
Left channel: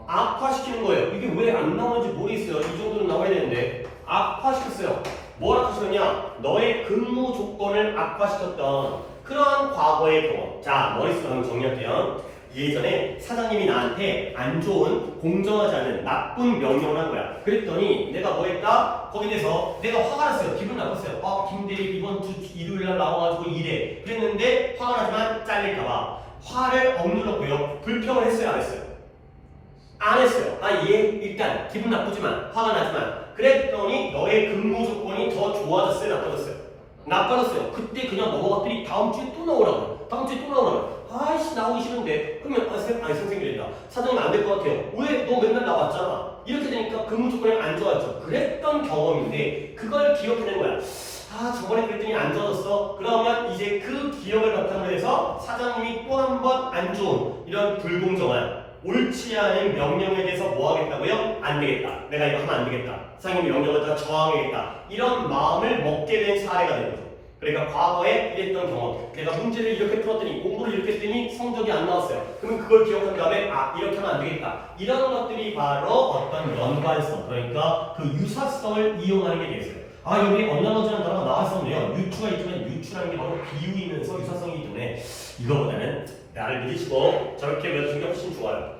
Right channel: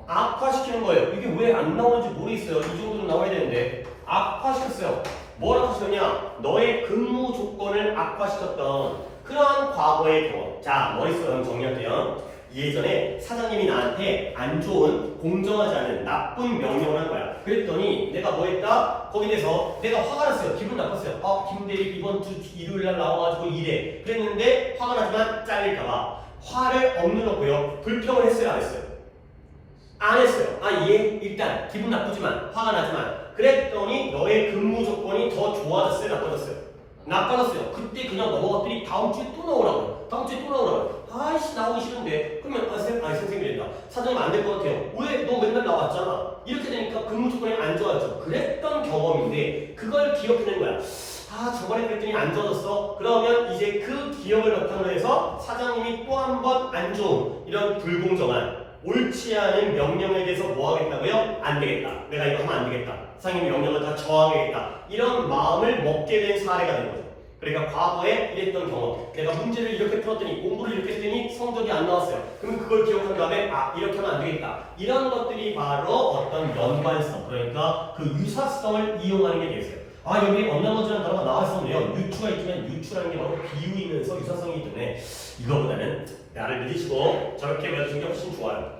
악화시키는 거예요. 이게 왜 안 나오는지 모르겠어요. 이 정도는 나와야 되는데 악화시켰어요. 뭘 악화시켰냐? 너의 근무 조건을 악화시켰던 그러한 과거의 경험. 자, 머릿속에 한번 정리할게요. 예전에 사장님이 나한테 안 좋은, 공정하지 않은 나쁜 명령을 한 거야. 그랬더니 내가 뭐 했다? 거기에 대해서 내가 화가 났어요. 기분 나빴어요. 김대리 이번 주 일요일 날 나와가지고 일해. 그랬는데 화가 나지만 잘릴까봐 화를 억눌렀고요. 불평을 했어요, 안 했어요? 안 했어요. 일단 기분 나쁘지만 화가 나지만 그랬더니 너의 근무 조건이 더 좋아졌어요, 나빠졌어요? 나빠졌어요. 그때 그냥 넘어갔더니 다음 주에 또 나오라고요. 다음 주에 또 나오라고요. 아이씨 나오기 싫은데 그러면 선생님이 된다. 사장님 안 될 것 같아요. 왜? 너 맨날 나왔잖아. 이렇게 되니까 근무 조건이 안 좋아졌죠. 그랬던 경험인데 그걸 기억해낸 거야. 저번에 그랬더니 안 좋아졌어. 그러면 이제 그 기억을 바탕으로 해서 사장님이 또 한 번 안 좋은 이런 불공정한 옳지 않은 명령에 대해서 뭐 하겠다고요? 안 되겠다. 내가 이거 하면 안 되겠다. 사장님이 명령을 다 저항하겠다. 이런 마음을 먹게 된 사례가 되는 거죠. 그러니까 과거에 이랬던 경험. 내가 문제를 이렇게 풀었더니 공부를 이렇게 했더니 성적이 안 나왔어요. 그러면 그걸 기억한 다음에 이렇게 하면 안 되겠다. 이런 것들이 바로 어떤 연관성, 그러니까 그 유사성을 이용하는 게 되겠어요. 여기 언나머지라는 단어가 나왔었네요. 유추가 있지만 유추라는 게 바로 비유이면서 유사성이기 때문에 이거보다는 나를 믿으시고 저렇게 외워주는 게 훨씬 좋아요.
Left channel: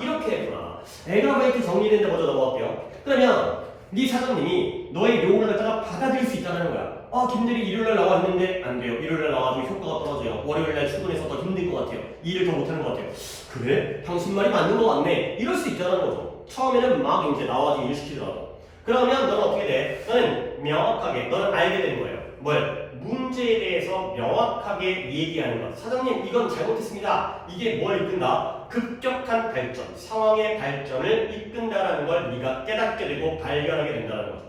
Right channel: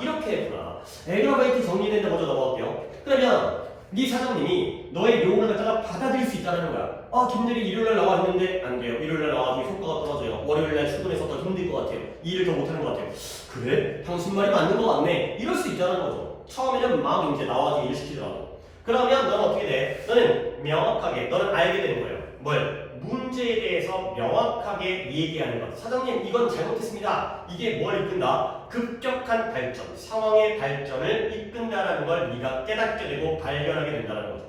이렇게 했구나. 에그러베이트 정리되는데 먼저 넘어갈게요. 그러면 네 사장님이 너의 요구를 갖다가 받아들일 수 있다는 거야. 김대리 일요일날 나와 있는데 안 돼요. 일요일날 나와도 효과가 떨어져요. 월요일날 출근해서 더 힘들 것 같아요. 일을 더 못하는 것 같아요. 그래? 당신 말이 맞는 것 같네. 이럴 수 있다는 거죠. 처음에는 막 이제 나와서 일 시키더라도. 그러면 너는 어떻게 돼? 너는 명확하게, 너는 알게 되는 거예요. 뭘? 문제에 대해서 명확하게 얘기하는 것. 사장님, 이건 잘못했습니다. 이게 뭘 이끈다? 급격한 발전, 상황의 발전을 이끈다라는 걸 네가 깨닫게 되고 발견하게 된다는 거죠.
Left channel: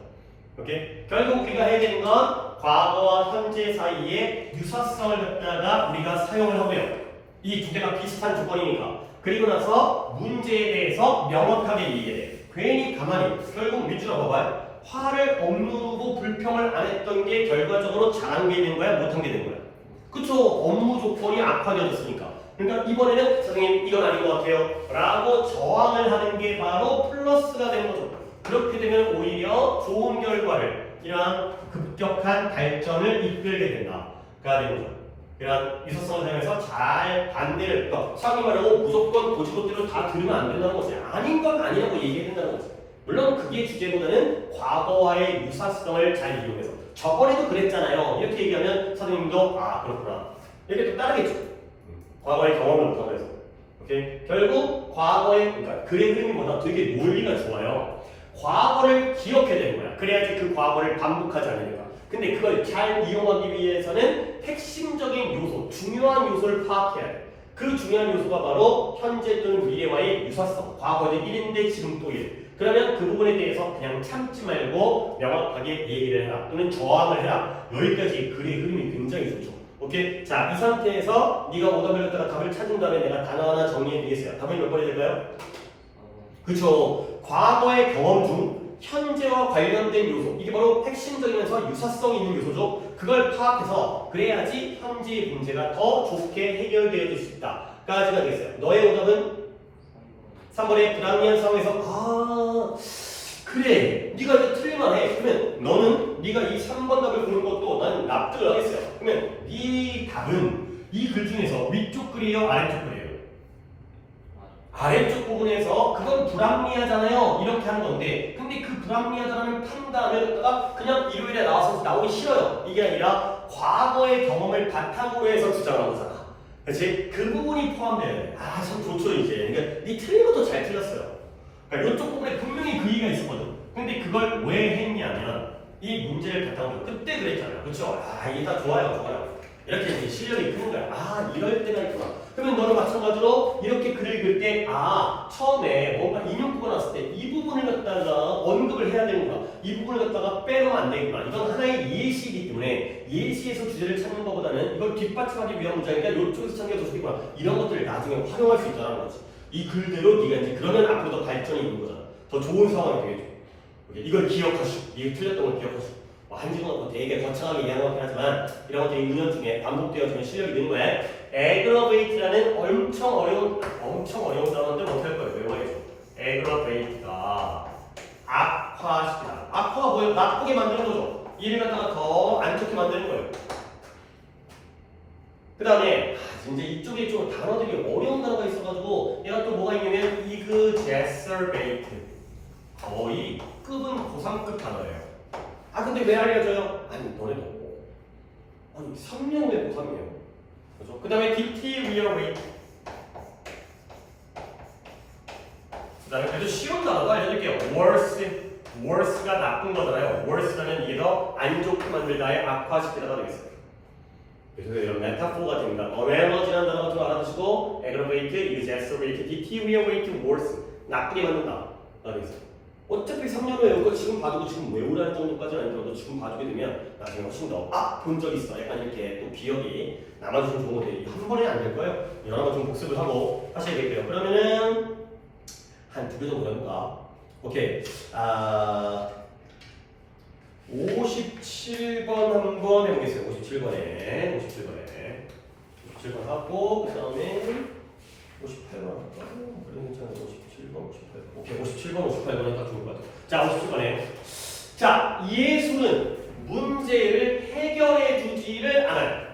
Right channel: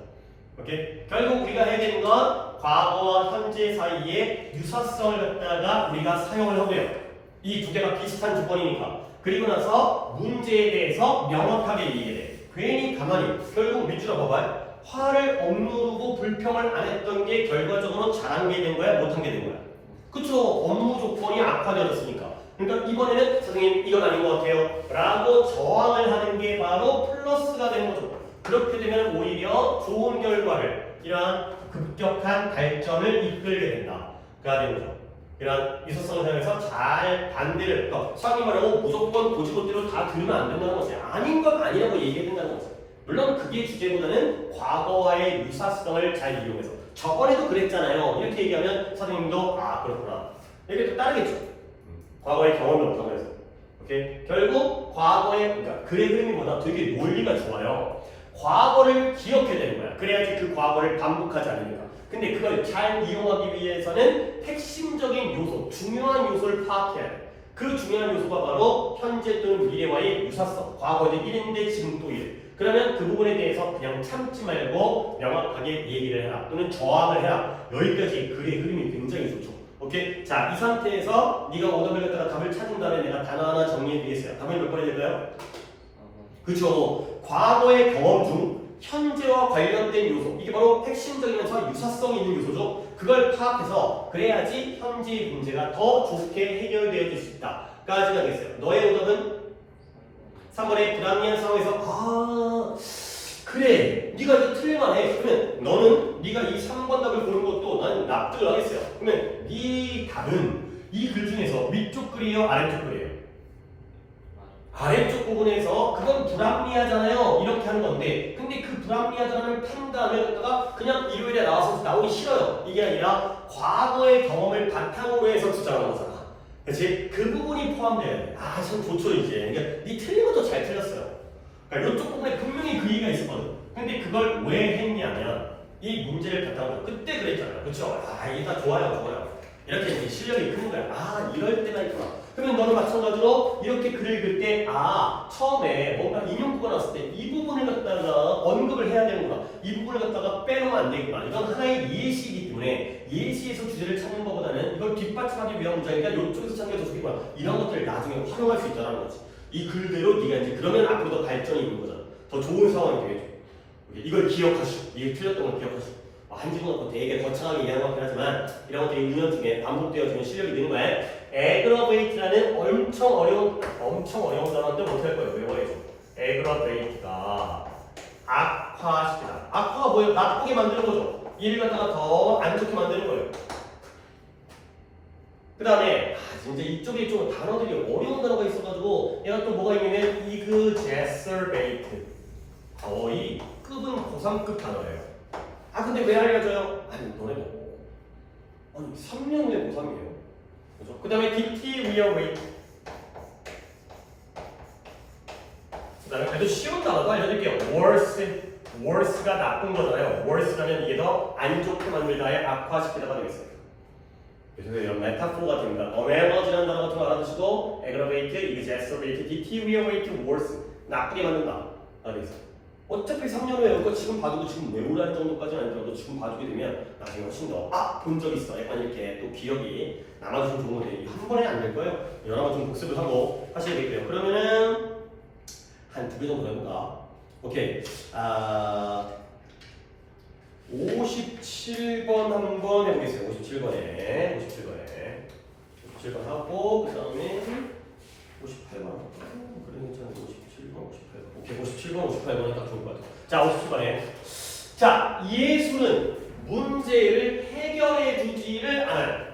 오케이? 결국 우리가 해야 되는 건 과거와 현재 사이에 유사성을 갖다가 우리가 사용을 하고요. 이 두 개가 비슷한 조건이니까. 그리고 나서 문제에 대해서 명확하게 얘기해야 돼. 괜히 가만히 결국 밑줄어 봐봐요. 화를 억누르고 불평을 안 했던 게 결과적으로 잘한 게 된 거야? 못한 게 된 거야? 그쵸? 업무 조건이 악화되었으니까. 그러니까 이번에는 선생님 이건 아닌 것 같아요 라고 저항을 하는 게 바로 플러스가 되는 거죠. 그렇게 되면 오히려 좋은 결과를 이런 급격한 발전을 이끌게 된다가 되는 거죠. 이런 유사성을 사용해서 잘 반대를 그러니까 상위 말하고 무조건 고지고대로 다 들으면 안 된다는 거지. 아닌 건 아니라고 얘기해야 된다는 거지. 물론 그게 주제보다는 과거와의 유사성을 잘 이용해서 저번에도 그랬잖아요 이렇게 얘기하면 선생님도 아 그렇구나 이렇게 또 따르겠죠. 과거의 경험을 못하고 해서 오케이? 결국 과거의 그러니까 글의 흐름이보다 되게 논리가 좋아요. 과거를 기억해야 되는 거야. 그래야지 그 과거를 반복하지 않으니까. 근데 그걸 잘 이용하기 위해서는 핵심적인 요소, 중요한 요소를 파악해야 돼. 그 중요한 요소가 바로 현재 또는 미래와의 유사성. 과거에 1인데 지금 또 1. 그러면 그 부분에 대해서 그냥 참지 말고 명확하게 얘기를 해라. 또는 저항을 해라. 여기까지 글의 흐름이 굉장히 좋죠. 오케이? 자, 이 상태에서 네가 오답을 갖다가 답을 찾은 다음에 내가 단어 하나 정리해 드리겠어요. 답이 몇 번이 될까요? 그쵸. 과거의 경험 중 현재와 관련된 요소 이게 바로 핵심적이면서 유사성 있는 요소죠. 그걸 파악해서 그래야지 현재의 문제가 더 좋게 해결되어질 수 있다까지가 되겠어요. 너의 오답은 3번의 불합리한 상황에서 아 그래 네가 이제 틀릴만 해. 그러면 너는 네가 이 3번 답을 보는 것도 나는 납득을 하겠어요. 그러면 네 답은 이 글 중에서 위쪽 글이에요 아래쪽 글이에요? 아래쪽 부분에서 그건 불합리하잖아요 이렇게 하는 건데 근데 그 불합리하다는 판단을 갖다가 그냥 일요일에 나와서 나오기 싫어요 이게 아니라 과거의 경험을 바탕으로 해서 주장하는 거잖아. 그렇지? 그 부분이 포함돼야 돼. 아 참 좋죠 이제. 그러니까 네 틀린 것도 잘 틀렸어요. 그러니까 이쪽 부분에 분명히 그 이유가 있었거든. 근데 그걸 왜 했냐면 이 문제를 바탕으로 그때 그랬잖아요. 그렇죠? 아 이게 다 좋아요. 이렇게 이제 실력이 크는 거야. 아 이럴 때가 있구나. 그러면 너도 마찬가지로 이렇게 글을 읽을 때 아 처음에 뭔가 인용구가 나왔을 때 이 부분을 갖다가 언급을 해야 되는구나. 이 부분을 갖다가 빼놓으면 안 되겠구나. 이건 하나의 예시이기 때문에 예시에서 주제를 찾는 것보다는 이걸 뒷받침하기 위한 문장이니까 이쪽에서 찾는 게 더 좋겠구나. 이런 것들을 나중에 활용할 수 있다는 거지. 이 글대로 네가 이제 그러면 앞으로 더 발전이 있는 거잖아. 더 좋은 상황이 되겠죠. 이걸 기억하시고 이게 틀렸던 걸 기억하시고 한 집어넣고 되게 거창하게 얘기하는 것 같긴 하지만 이런 것들이 은연중에 반복되어지면 실력이 느는 거야. aggravate라는 엄청 어려운 단어인데 못할 거예요. 외워야죠. aggravate가 악화시키다. 악화가 뭐예요? 나쁘게 만드는 거죠. 일을 갖다가 더 안 좋게 만드는 거예요. 그 다음에 진짜 이쪽에 좀 단어들이 어려운 단어가 있어가지고 얘가 또 뭐가 있냐면 exacerbate 거의 급은 고3급 단어예요. 아 근데 왜 알려줘요? 아니 너네도 아니 3년 후에 고3이에요. 그죠? 그 다음에 deteriorate 그 다음에 그래도 쉬운 단어도 알려드릴게요. worse가 나쁜 거잖아요. worse라면 이게 더 안 좋게 만들다의 악화시키다가 되겠어요. 그래서 이런 메타포가 됩니다. analogy라는 단어가 좀 알아두시고 aggravate, exacerbate, deteriorate, worse 나쁘게 만든다. 되겠어요. 어차피 3년 후에 이거 지금 봐두고 지금 외우라는 정도까지는 아니더라도 지금 봐두게 되면 나중에 훨씬 더 본 적 있어. 약간 이렇게 또 기억이 남아주는 좋은 건데 한 번에 안 될 거예요. 여러 번 좀 복습을 하고 하셔야 되겠고요. 그러면은 한 2개 정도 해볼까? 오케이. 57번 한번 해보겠어요. 57번 하고 그 다음에 58번 할까? 그래 괜찮아요. 57번, 58번. 오케이, 57번, 58번이 딱 좋을 것 같아요. 자, 57번에 자, 예술은 문제를 해결해 주지를 않아요.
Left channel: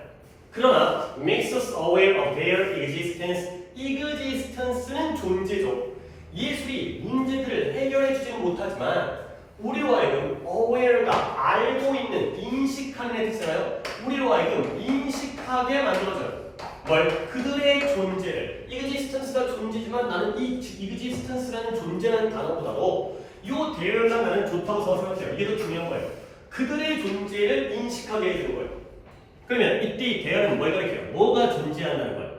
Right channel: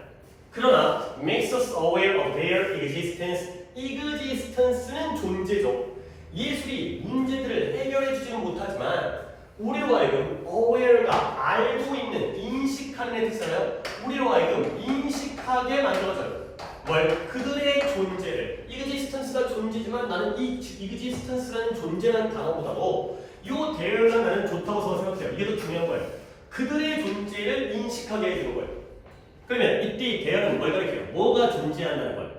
그러나 makes us aware of their existence. existence는 존재죠. 예술이 문제들을 해결해 주지는 못하지만 우리로 하여금 aware가 알고 있는, 인식하는 애 뜻이잖아요. 우리로 하여금 인식하게 만들어져요. 뭘? 그들의 존재를. existence가 존재지만 나는 이 existence라는 존재라는 단어보다도 요 there가 나는 좋다고 생각해요. 이게 더 중요한 거예요. 그들의 존재를 인식하게 해주는 거예요. 그러면 이때 이 there는 뭘 가리켜요? 뭐가 존재한다는 거예요?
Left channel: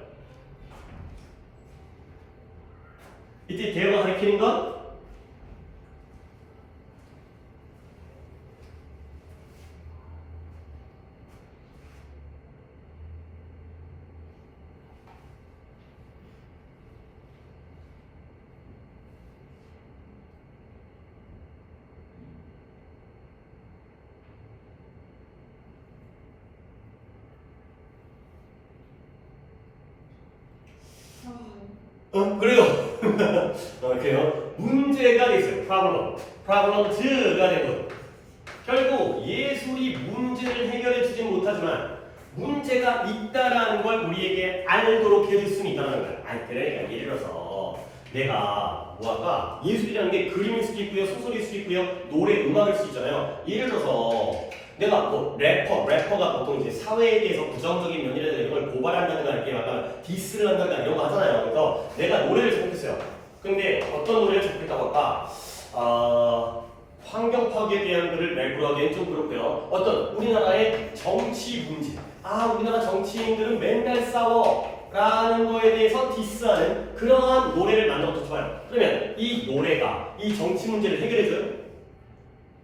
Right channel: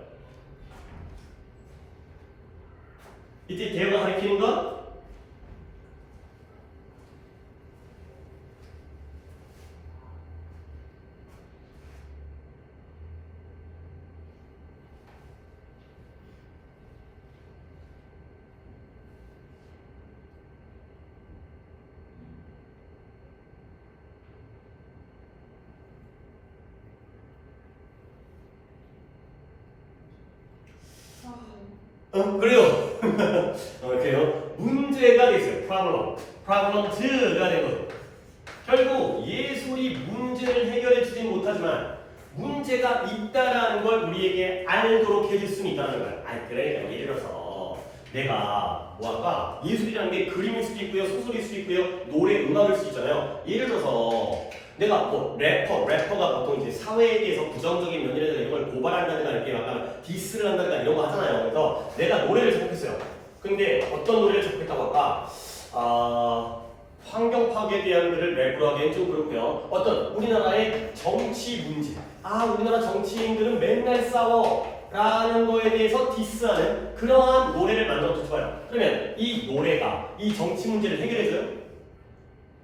이때 there가 가리키는 건 그래요. 그래요. 문제가 돼 있어요. problems가 된 거죠. 결국 예술이 문제를 해결해 주지 못하지만 문제가 있다라는 걸 우리에게 알도록 해줄 수는 있다는 거예요. 아니 그러니까 예를 들어서 내가 뭐 할까? 예술이라는 게 그림일 수도 있고요, 소설일 수도 있고요, 노래, 음악일 수도 있잖아요. 예를 들어서 내가 뭐 래퍼가 보통 이제 사회에 대해서 부정적인 면이라든가 이런 걸 고발한다든가 이렇게 약간 디스를 한다든가 이런 거 하잖아요. 그래서 내가 노래를 작곡했어요. 근데 어떤 노래를 작곡했다고 할까? 환경 파괴에 대한 글을 랩으로 하기엔 좀 그렇고요. 어떤 우리나라의 정치 문제. 우리나라 정치인들은 맨날 싸워. 라는 거에 대해서 디스하는 그러한 노래를 만들어도 좋아요. 그러면 이 노래가 이 정치 문제를 해결해줘요?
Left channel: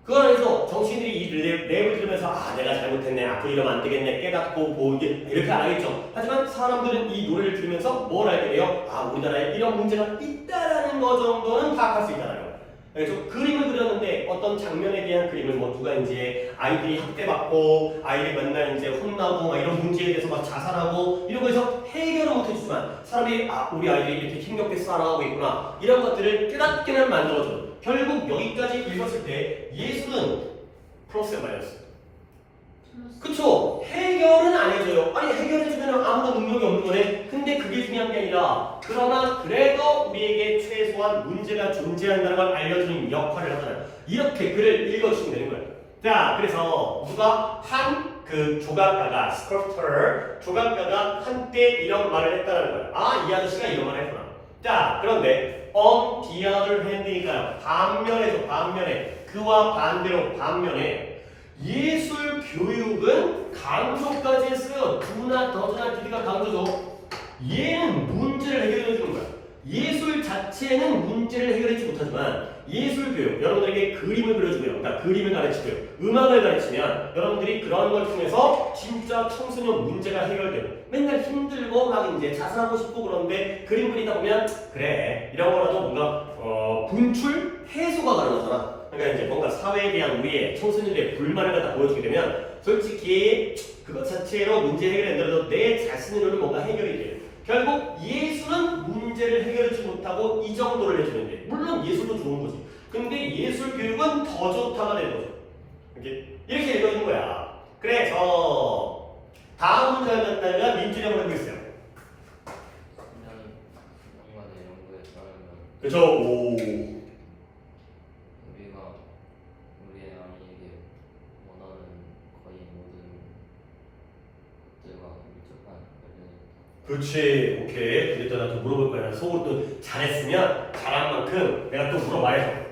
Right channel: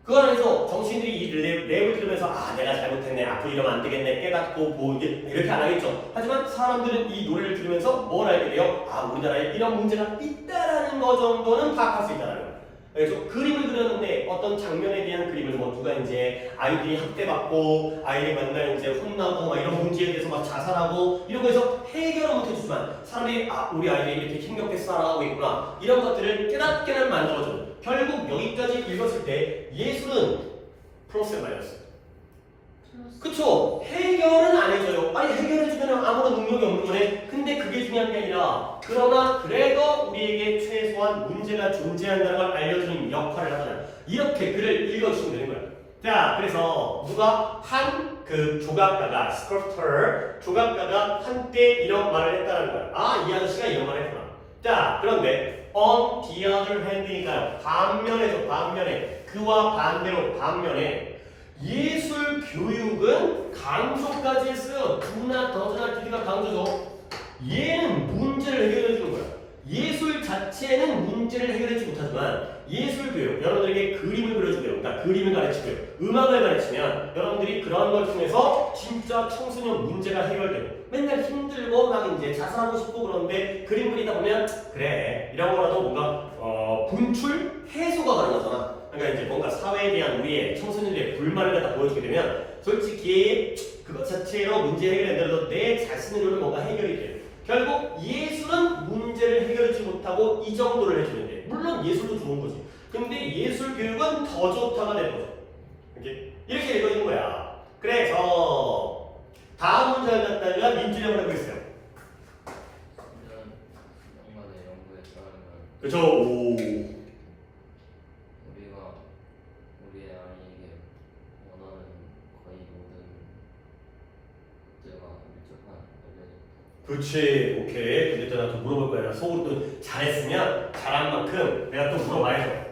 그 안에서 정치인들이 이 랩을 들으면서 내가 잘못했네, 앞으로 이러면 안 되겠네, 깨닫고 이렇게 안 하겠죠. 하지만 사람들은 이 노래를 들으면서 뭘 알게 돼요? 우리나라에 이런 문제가 있다라는 거 정도는 파악할 수 있다는 거예요. 그래서 그림을 그렸는데 어떤 장면에 대한 그림을 뭐 누가 이제 아이들이 학대받고 아이들이 맨날 이제 혼나고 막 이런 문제에 대해서 막 자살하고 이런 거에서 해결을 못 해주지만 사람들이 우리 아이들이 이렇게 힘겹게 살아가고 있구나 이런 것들을 깨닫게는 만들어줘요. 결국 여기까지 읽었을 때 예술은 프로세스 말이었어요. 그쵸? 해결은 안 해줘요. 아니 해결해주면 아무런 능력이 없는 거네. 근데 그게 중요한 게 아니라 그러나 그래도 우리에게 최소한 문제가 존재한다는 걸 알려주는 역할을 하잖아요. 이렇게 글을 읽어주시면 되는 거예요. 자, 그래서 누가 한 그 조각가가 조각가가 한때 이런 말을 했다는 거예요. 이 아저씨가 이런 말을 했구나. 자, 그런데 on the other hand니까요. 반면에 그와 반대로 반면에 예술 교육은 강조까지 했어요. 두나 더즈나 디디가 강조죠. 얘는 문제를 해결해 주는 거야. 예술 자체는 문제를 해결하지 못하지만 예술 교육, 여러분들에게 그림을 그려주고요. 그러니까 그림을 가르치고요. 음악을 가르치면 여러분들이 그런 걸 통해서 진짜 청소년 문제가 해결되고 맨날 힘들고 막 이제 자살하고 싶고 그런데 그림 그리다 보면 그래 이런 거라도 뭔가 분출 해소가 가능하잖아. 그러니까 이제 뭔가 사회에 대한 우리의 청소년들의 불만을 갖다 보여주게 되면 솔직히 그것 자체로 문제 해결된다고 내 자신으로는 뭔가 해결이 돼요. 결국 예술은 문제를 해결하지 못하고 이 정도를 해주면 돼. 물론 예술도 좋은 거지. 근데 예술 교육은 더 좋다가 되는 거죠. 이렇게 읽어진 거야. 그래서 다음 문제를 갖다가 민준형을 하고 있어요. 그쵸? 오. 우리의 아이에게 원하는 거의 모든 것들과 밀접한 관련이 그렇지. 오케이. 근데 또 나 또 물어볼 거야. 속으로 또 잘했으면 잘한 만큼 내가 또 물어봐야죠.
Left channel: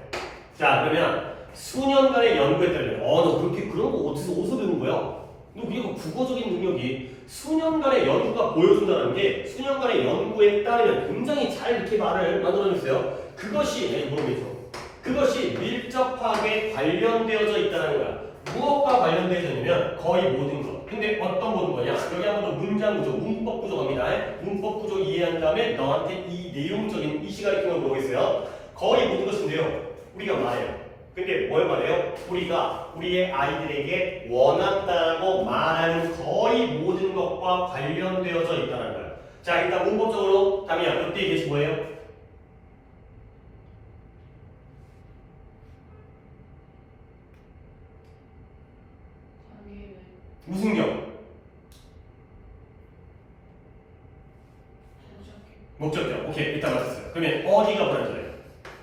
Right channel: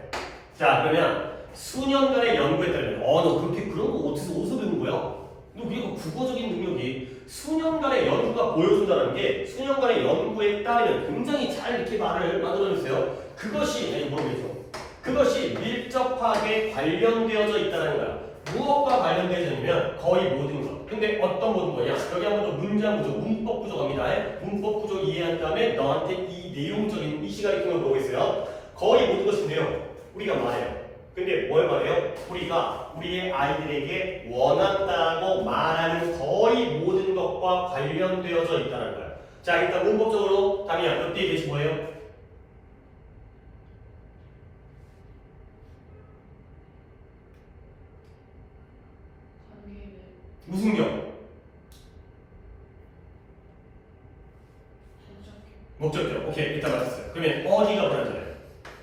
자, 그러면 수년간의 연구에 따르면 너 그렇게 그런 거 어디서 배운 거야? 너 우리가 국어적인 능력이 수년간의 연구가 보여준다는 게 수년간의 연구에 따르면 굉장히 잘 이렇게 말을 만들어냈어요. 그것이 모르겠죠. 그것이 밀접하게 관련되어져 있다는 거야. 무엇과 관련되어져 있냐면 거의 모든 것. 근데 어떤 모든 거냐? 여기 한번 더 문장 구조, 문법 구조 갑니다. 문법 구조 이해한 다음에 너한테 이 내용적인 이 시간에 통해 보겠어요. 거의 모든 것인데요. 우리가 말해요. 근데 뭘 말해요? 우리가 우리의 아이들에게 원한다고 말하는 거의 모든 것과 관련되어져 있다는 거예요. 자, 일단 문법적으로 담이야, 몇 대에 계신 거예요? 무슨 경? 목적격. 오케이, 일단 맞았어요. 그러면 어디가 불안해요?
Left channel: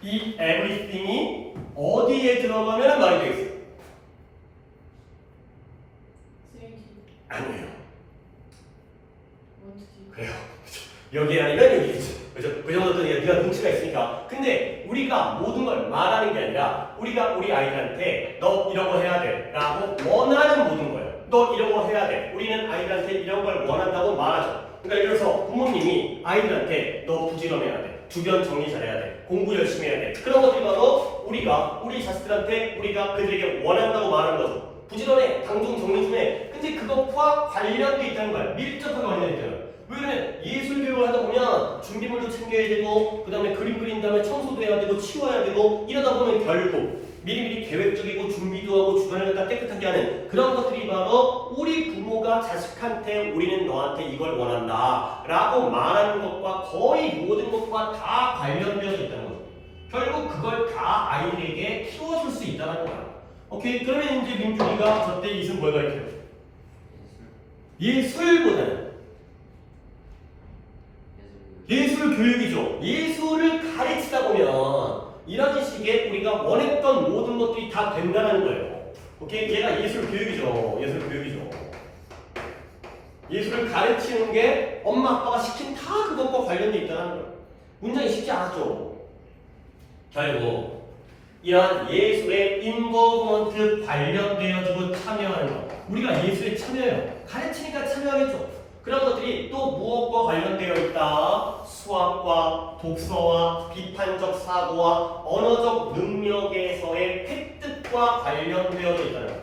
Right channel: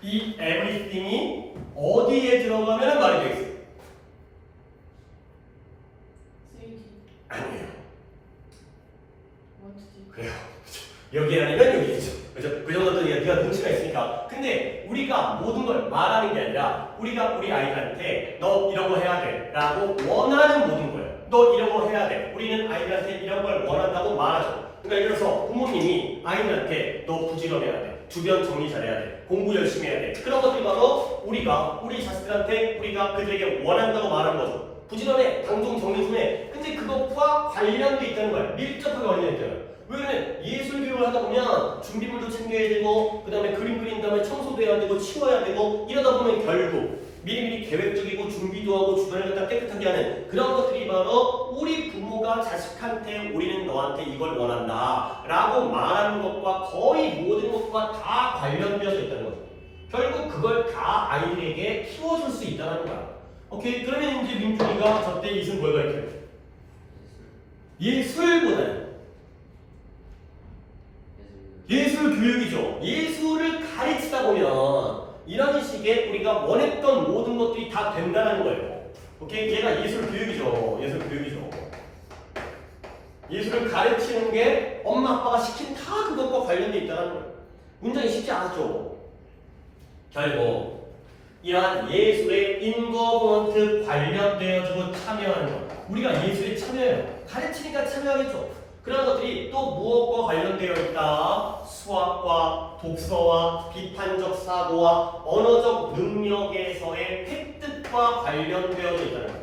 이 everything이 어디에 들어가면 말이 되겠어요? 아니에요. 그래요. 여기 아니면 여기겠죠. 그죠? 그 정도 네가 눈치가 있으니까. 근데 우리가 모든 걸 말하는 게 아니라 우리가 우리 아이들한테 너 이런 거 해야 돼 라고 원하는 모든 거예요. 너 이런 거 해야 돼. 우리는 아이들한테 이런 걸 원한다고 말하죠. 그러니까 예를 들어서 부모님이 아이들한테 너 부지런해야 돼. 주변 정리 잘해야 돼. 공부 열심히 해야 돼. 그런 것들이 바로 우리 자식들한테 우리가 그들에게 원한다고 말하는 거죠. 부지런해. 당종 정리 좀 해. 근데 그것과 관련돼 있다는 거야. 밀접하게 관련돼 있다는 거야. 왜 그러면 예술 교육을 하다 보면 준비물도 챙겨야 되고 그 다음에 그림 그린 다음에 청소도 해야 되고 치워야 되고 이러다 보면 결국 미리미리 계획적이고 준비도 하고 주변을 갖다 깨끗하게 하는 그런 것들이 바로 우리 부모가 자식한테 우리는 너한테 이걸 원한다 라고 말하는 것과 거의 모든 것과 다 관련되어져 있다는 거죠. 결국 그걸 다 아이들에게 키워줄 수 있다는 거야. 오케이? 그러면 이제 민준이가 저때 이승 뭘 가르쳐요? 예술보다는 예술 교육이죠. 예술을 가르치다 보면 이런 식의 우리가 원했던 모든 것들이 다 된다는 거예요. 오케이? 얘가 예술 교육이죠. 예술 교육이죠. 예술을 가르치는 게 엄마 아빠가 시킨 다 그것과 관련돼 있다는 거예요. 문장이 쉽지 않았죠. 결국 이러한 예술에 인버먼트 관련되어지고 참여하는 것. 우리가 예술에 참여해요. 가르치니까 참여하겠죠. 그런 것들이 또 무엇과 관련되어 있다? 수학과 독서와 비판적 사고와 언어적 능력에서의 획득과 관련되어져 있다는 거예요.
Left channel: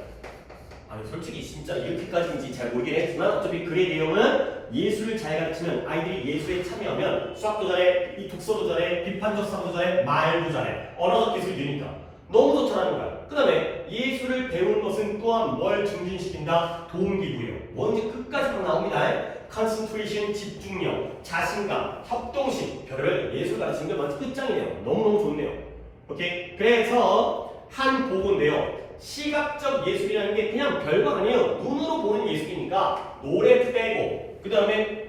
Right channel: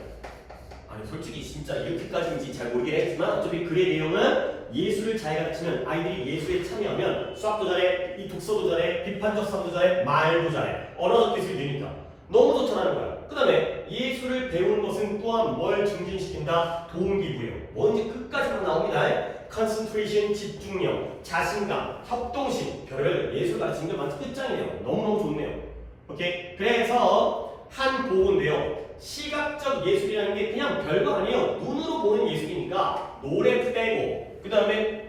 아니 솔직히 진짜 이렇게까지인지 잘 모르긴 했지만 어차피 글의 내용은 예술을 잘 가르치면 아이들이 예술에 참여하면 수학도 잘해, 이 독서도 잘해, 비판적 사고도 잘해, 말도 잘해, 언어적 기술이 느니까 너무 좋다는 거야. 그 다음에 예술을 배우는 것은 또한 뭘 증진시킨다? 동기부여. 뭔지 끝까지 다 나옵니다. 컨센트레이션, 집중력, 자신감, 협동심, 별의별 예술 가르치는 게 많이 끝장이네요. 너무너무 좋네요. 오케이? 그래서 한 보고인데요. 시각적 예술이라는 게 그냥 별거 아니에요. 눈으로 보는 예술이니까 노래 빼고 그 다음에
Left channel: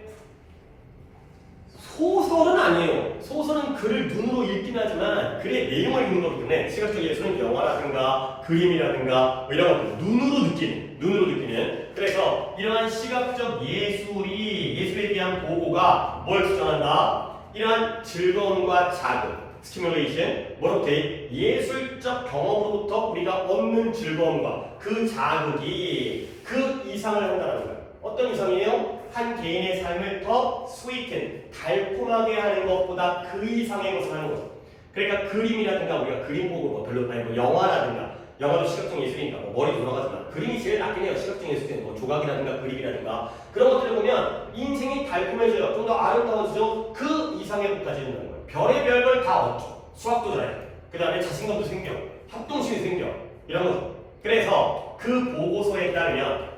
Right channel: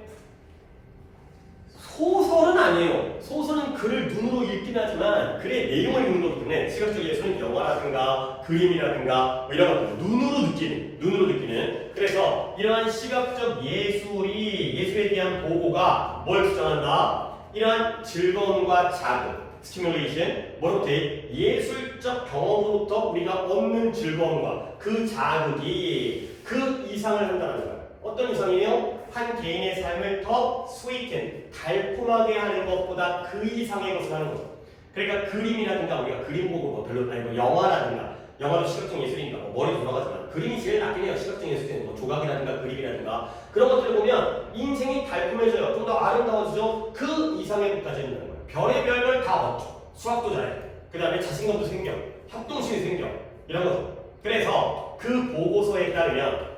소설은 아니에요. 소설은 글을 눈으로 읽긴 하지만 글의 내용을 읽는 거기 때문에 시각적 예술은 영화라든가 그림이라든가 뭐 이런 것들 눈으로 느끼는 그래서 이러한 시각적 예술에 대한 보고가 뭘 주장한다? 이러한 즐거움과 자극 스티뮬레이션, 뭐로부터 예술적 경험으로부터 우리가 얻는 즐거움과 그 자극이 그 이상을 한다는 거예요. 어떤 이상이에요? 한 개인의 삶을 더 스위튼, 달콤하게 하는 것보다 그 이상의 것을 하는 거죠. 그러니까 그림이라든가 우리가 그림 보고 뭐 별로 아니고 영화라든가 영화도 시각적 예술이니까 뭐 머리 돌아가지만 그림이 제일 낫긴 해요. 시각적 예술은 뭐 조각이라든가 그림이라든가 그런 것들을 보면 인생이 달콤해져요. 좀 더 아름다워지죠. 그 이상의 것까지 한다는 거예요. 별의별 걸 다 얻죠. 수학도 잘해. 그 다음에 자신감도 생겨. 협동심이 생겨. 이런 거죠. 그래서 그 보고서에 따르면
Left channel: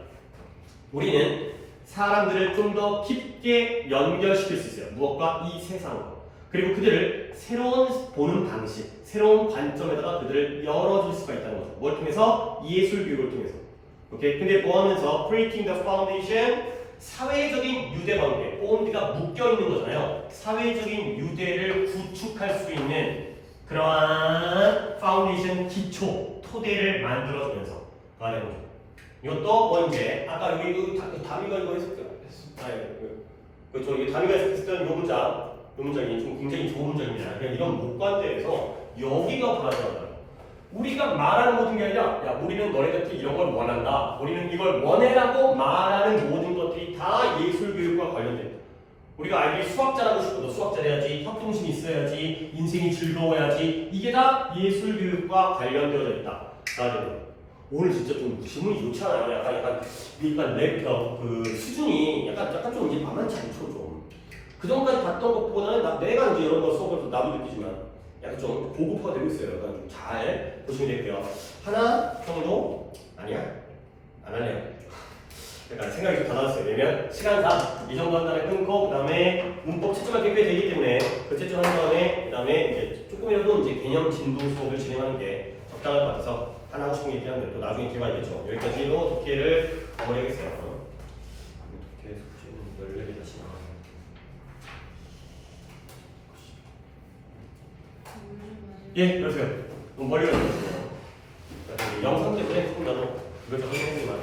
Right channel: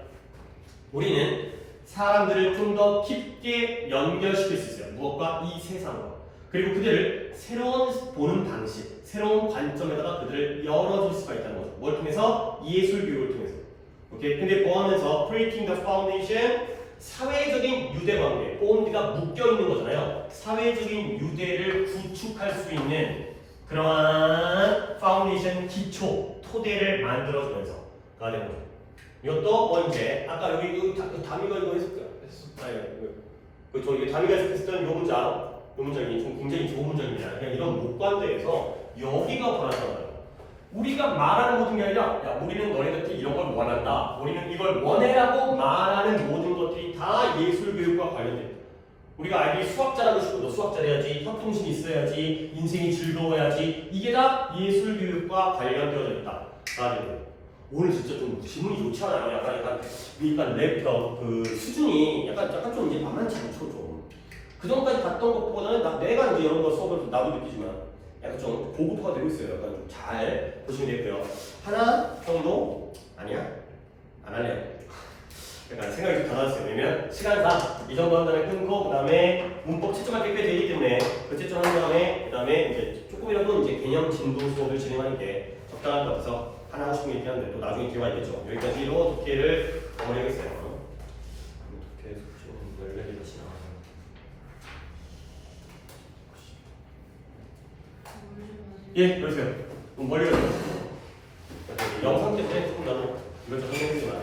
우리는 사람들을 좀 더 깊게 연결시킬 수 있어요. 무엇과? 이 세상과. 그리고 그들을 새로운 보는 방식, 새로운 관점에다가 그들을 열어줄 수가 있다는 거죠. 뭘 통해서? 예술 교육을 통해서. 오케이? 근데 보하면서 creating the foundation, 사회적인 유대관계, 본드가 묶여있는 거잖아요. 사회적인 유대를 구축할 수 있는 그러한 파운데이션 기초, 토대를 만들어주면서 가는 거죠. 이것도 뭐 이제 아까 여기 다미가 이거 저 이게 다미가 했었던 요 문장, 요 문장이 좀 굉장히 좋은 문장입니다. 그냥 이런 목관대에서 여기가 불안하다. 우리가 말하는 모든 게 아니라 야 우리는 너네한테 이런 걸 원한다. 우리는 이걸 원해라고 말하는 모든 것들이 다 예술 교육과 관련돼요. 우리가 아이들이 수학 잘하고 싶어. 너 수학 잘해야지. 협동심이 있어야지. 인생이 즐거워야지. 이게 다 예술 교육과 관련되어 있다. 오늘 진짜 좀 질문이 좋지 않아요? 약간 랩 그 수준이 약간 좀 이제 만만치 않죠 좀. 그 전까지 봤던 것보다는 내가 이제 이런 거 수업을 나도 느끼지만 약간 좀 고급화가 되고 있어요. 약간 좀 잘 보시면 되고요. 하나 정도 아니야? 안 할래요. 그러니까 생각이 좀 달라졌어요. 왜냐면 시간상 이 정도 한 다음에 끊고 그 다음에 문법 채점할 게 꽤 되기 때문에 그 채점한 다음에 그 다음에 이제 조금이라도 이제 개념 진도 수업을 진행하는 게 적당할 것 같아서 하나 하고 싶은 게 있긴 한데 또 나중에 뒤에 와야겠죠. 여기까지로 독해를 마무리하겠어요. 독해 숙제는 14개 다시 나와요. 예, 그러세요. 멀리 가세요. 영상 때문에 조금 나도 이걸 적응해보지 마요.